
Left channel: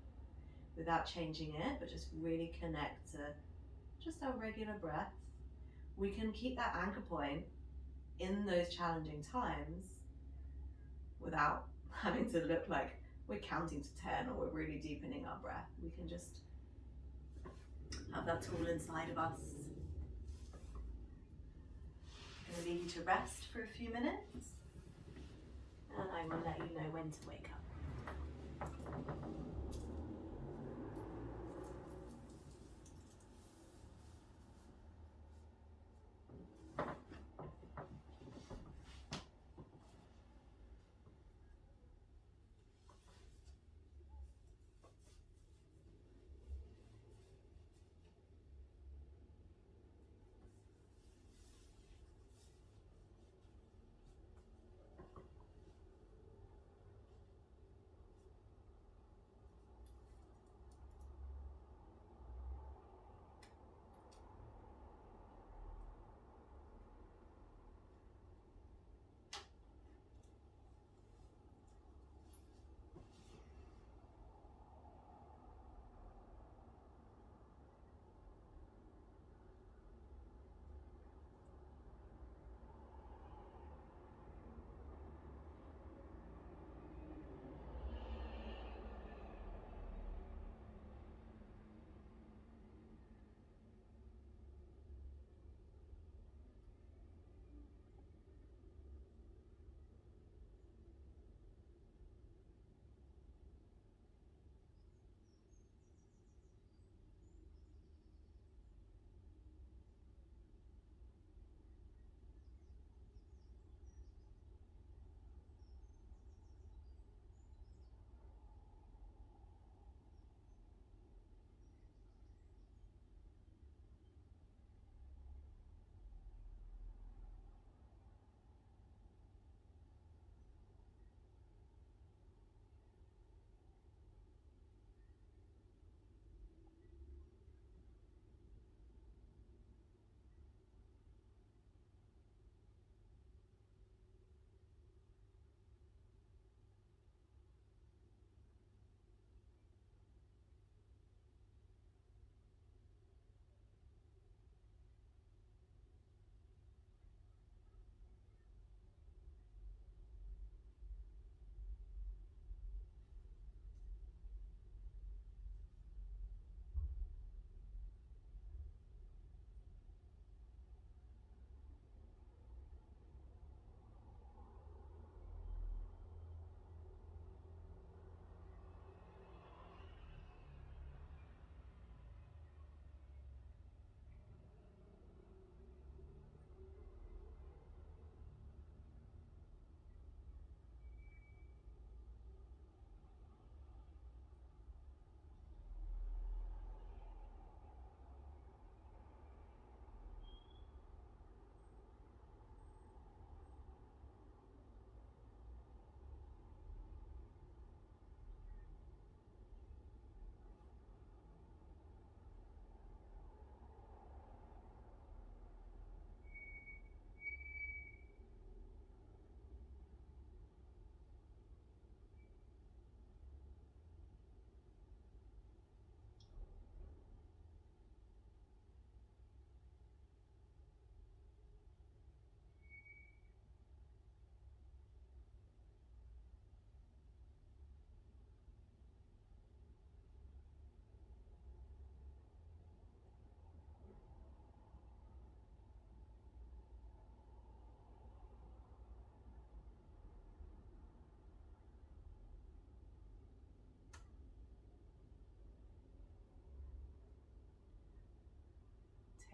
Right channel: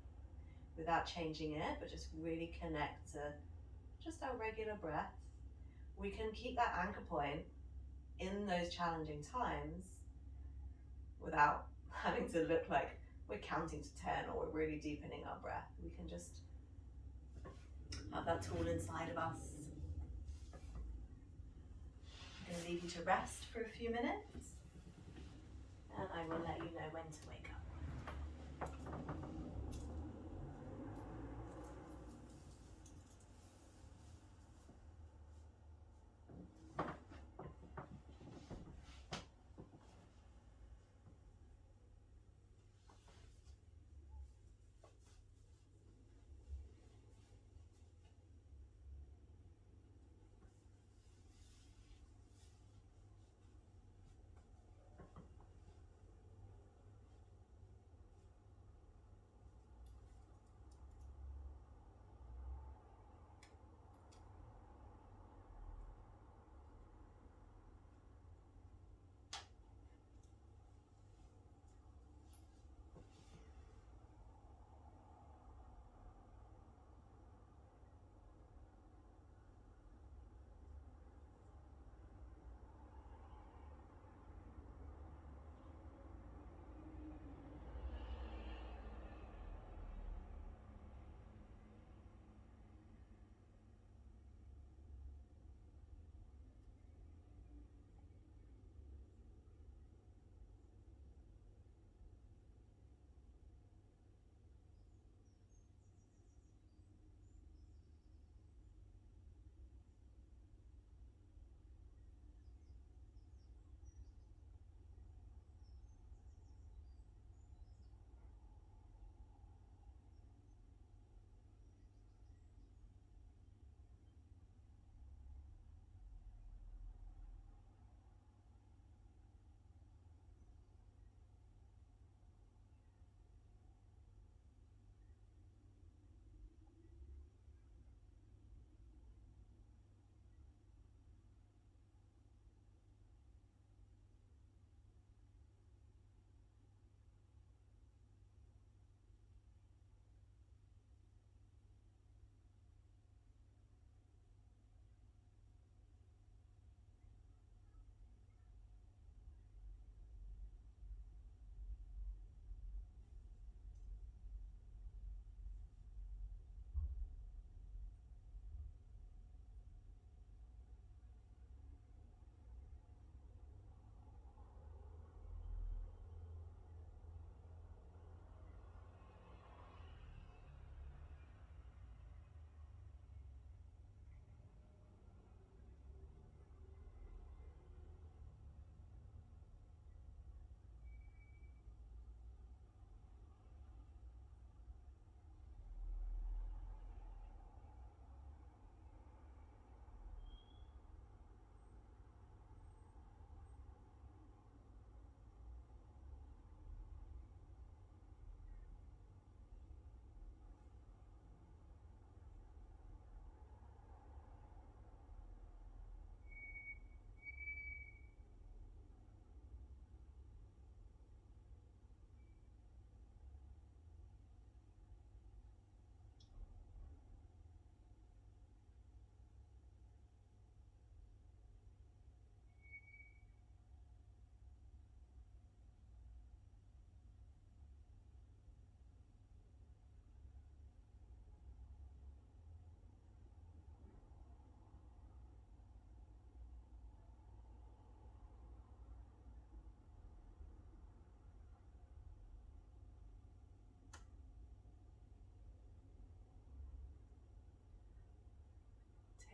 without changing it, but just really connect to just our regular breath, we can keep that anchor point in those challenging times without having to look like we're counting to 10 or we're really deepening our breath. We can just have that tool inside of us. I'm going to leave you to rest for a few minutes and I will let you know when to wake up.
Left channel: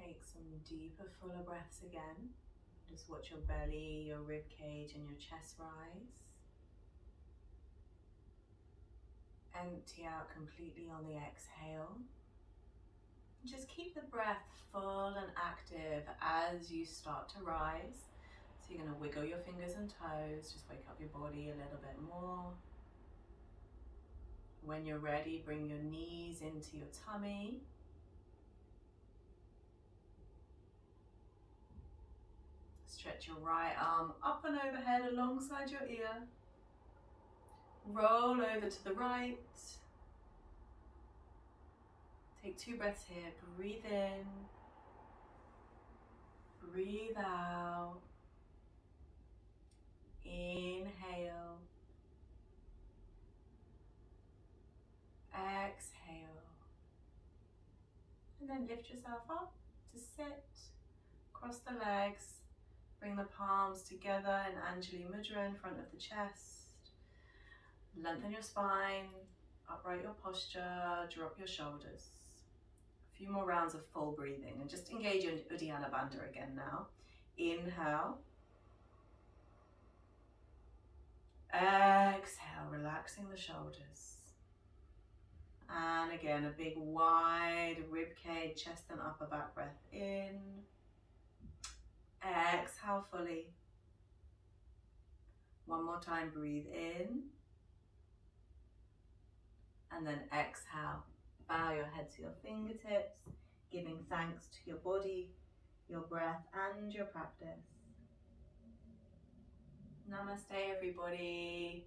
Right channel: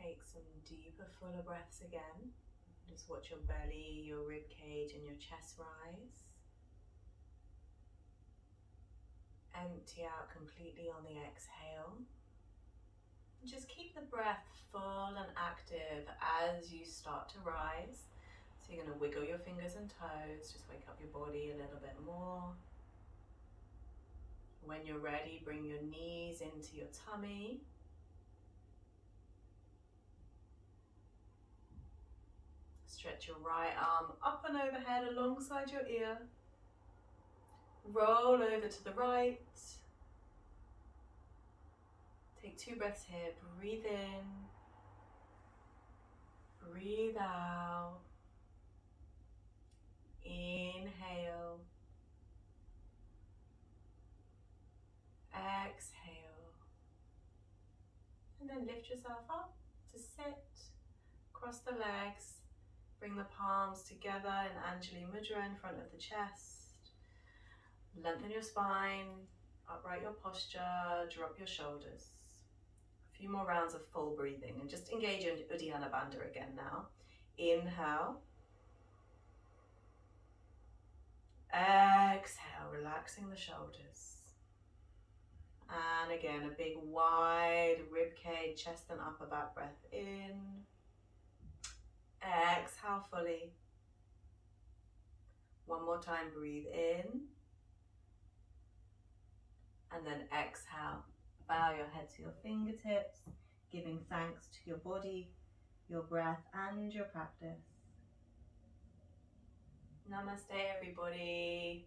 Take some deeper, fuller breaths again. Just watch your belly, your rib cage and your chest rise. Empty out completely on the exhale. Just keep the breath full and active as you start to rise. So you're going to wiggle your fingers and toes, just wake up your body a little bit more. When you're ready, bring your knees into your tummy. Stretch your right arm up and overhead alongside your ear. Roll over to the right. Take 2 breaths here. Breathe in. Breathe out. Inhale. Exhale. And then lift yourself up to sit. Cross the legs. Bring the palms together in Anjali Mudra in front of the chest. Lengthen your spine, upright your posture, drop your shoulders. A few more rounds of full breathing and just engage your Uddiyana Bandha again now. Inhale. Exhale, relaxing the shoulders. And again, a big wide rib cage, chest and upper back breath in. Exhale fully. One more time, breathe in. And then exhale. Bow your head to your fingertips, giving thanks to your body, your breath and your practice. Namaste everybody.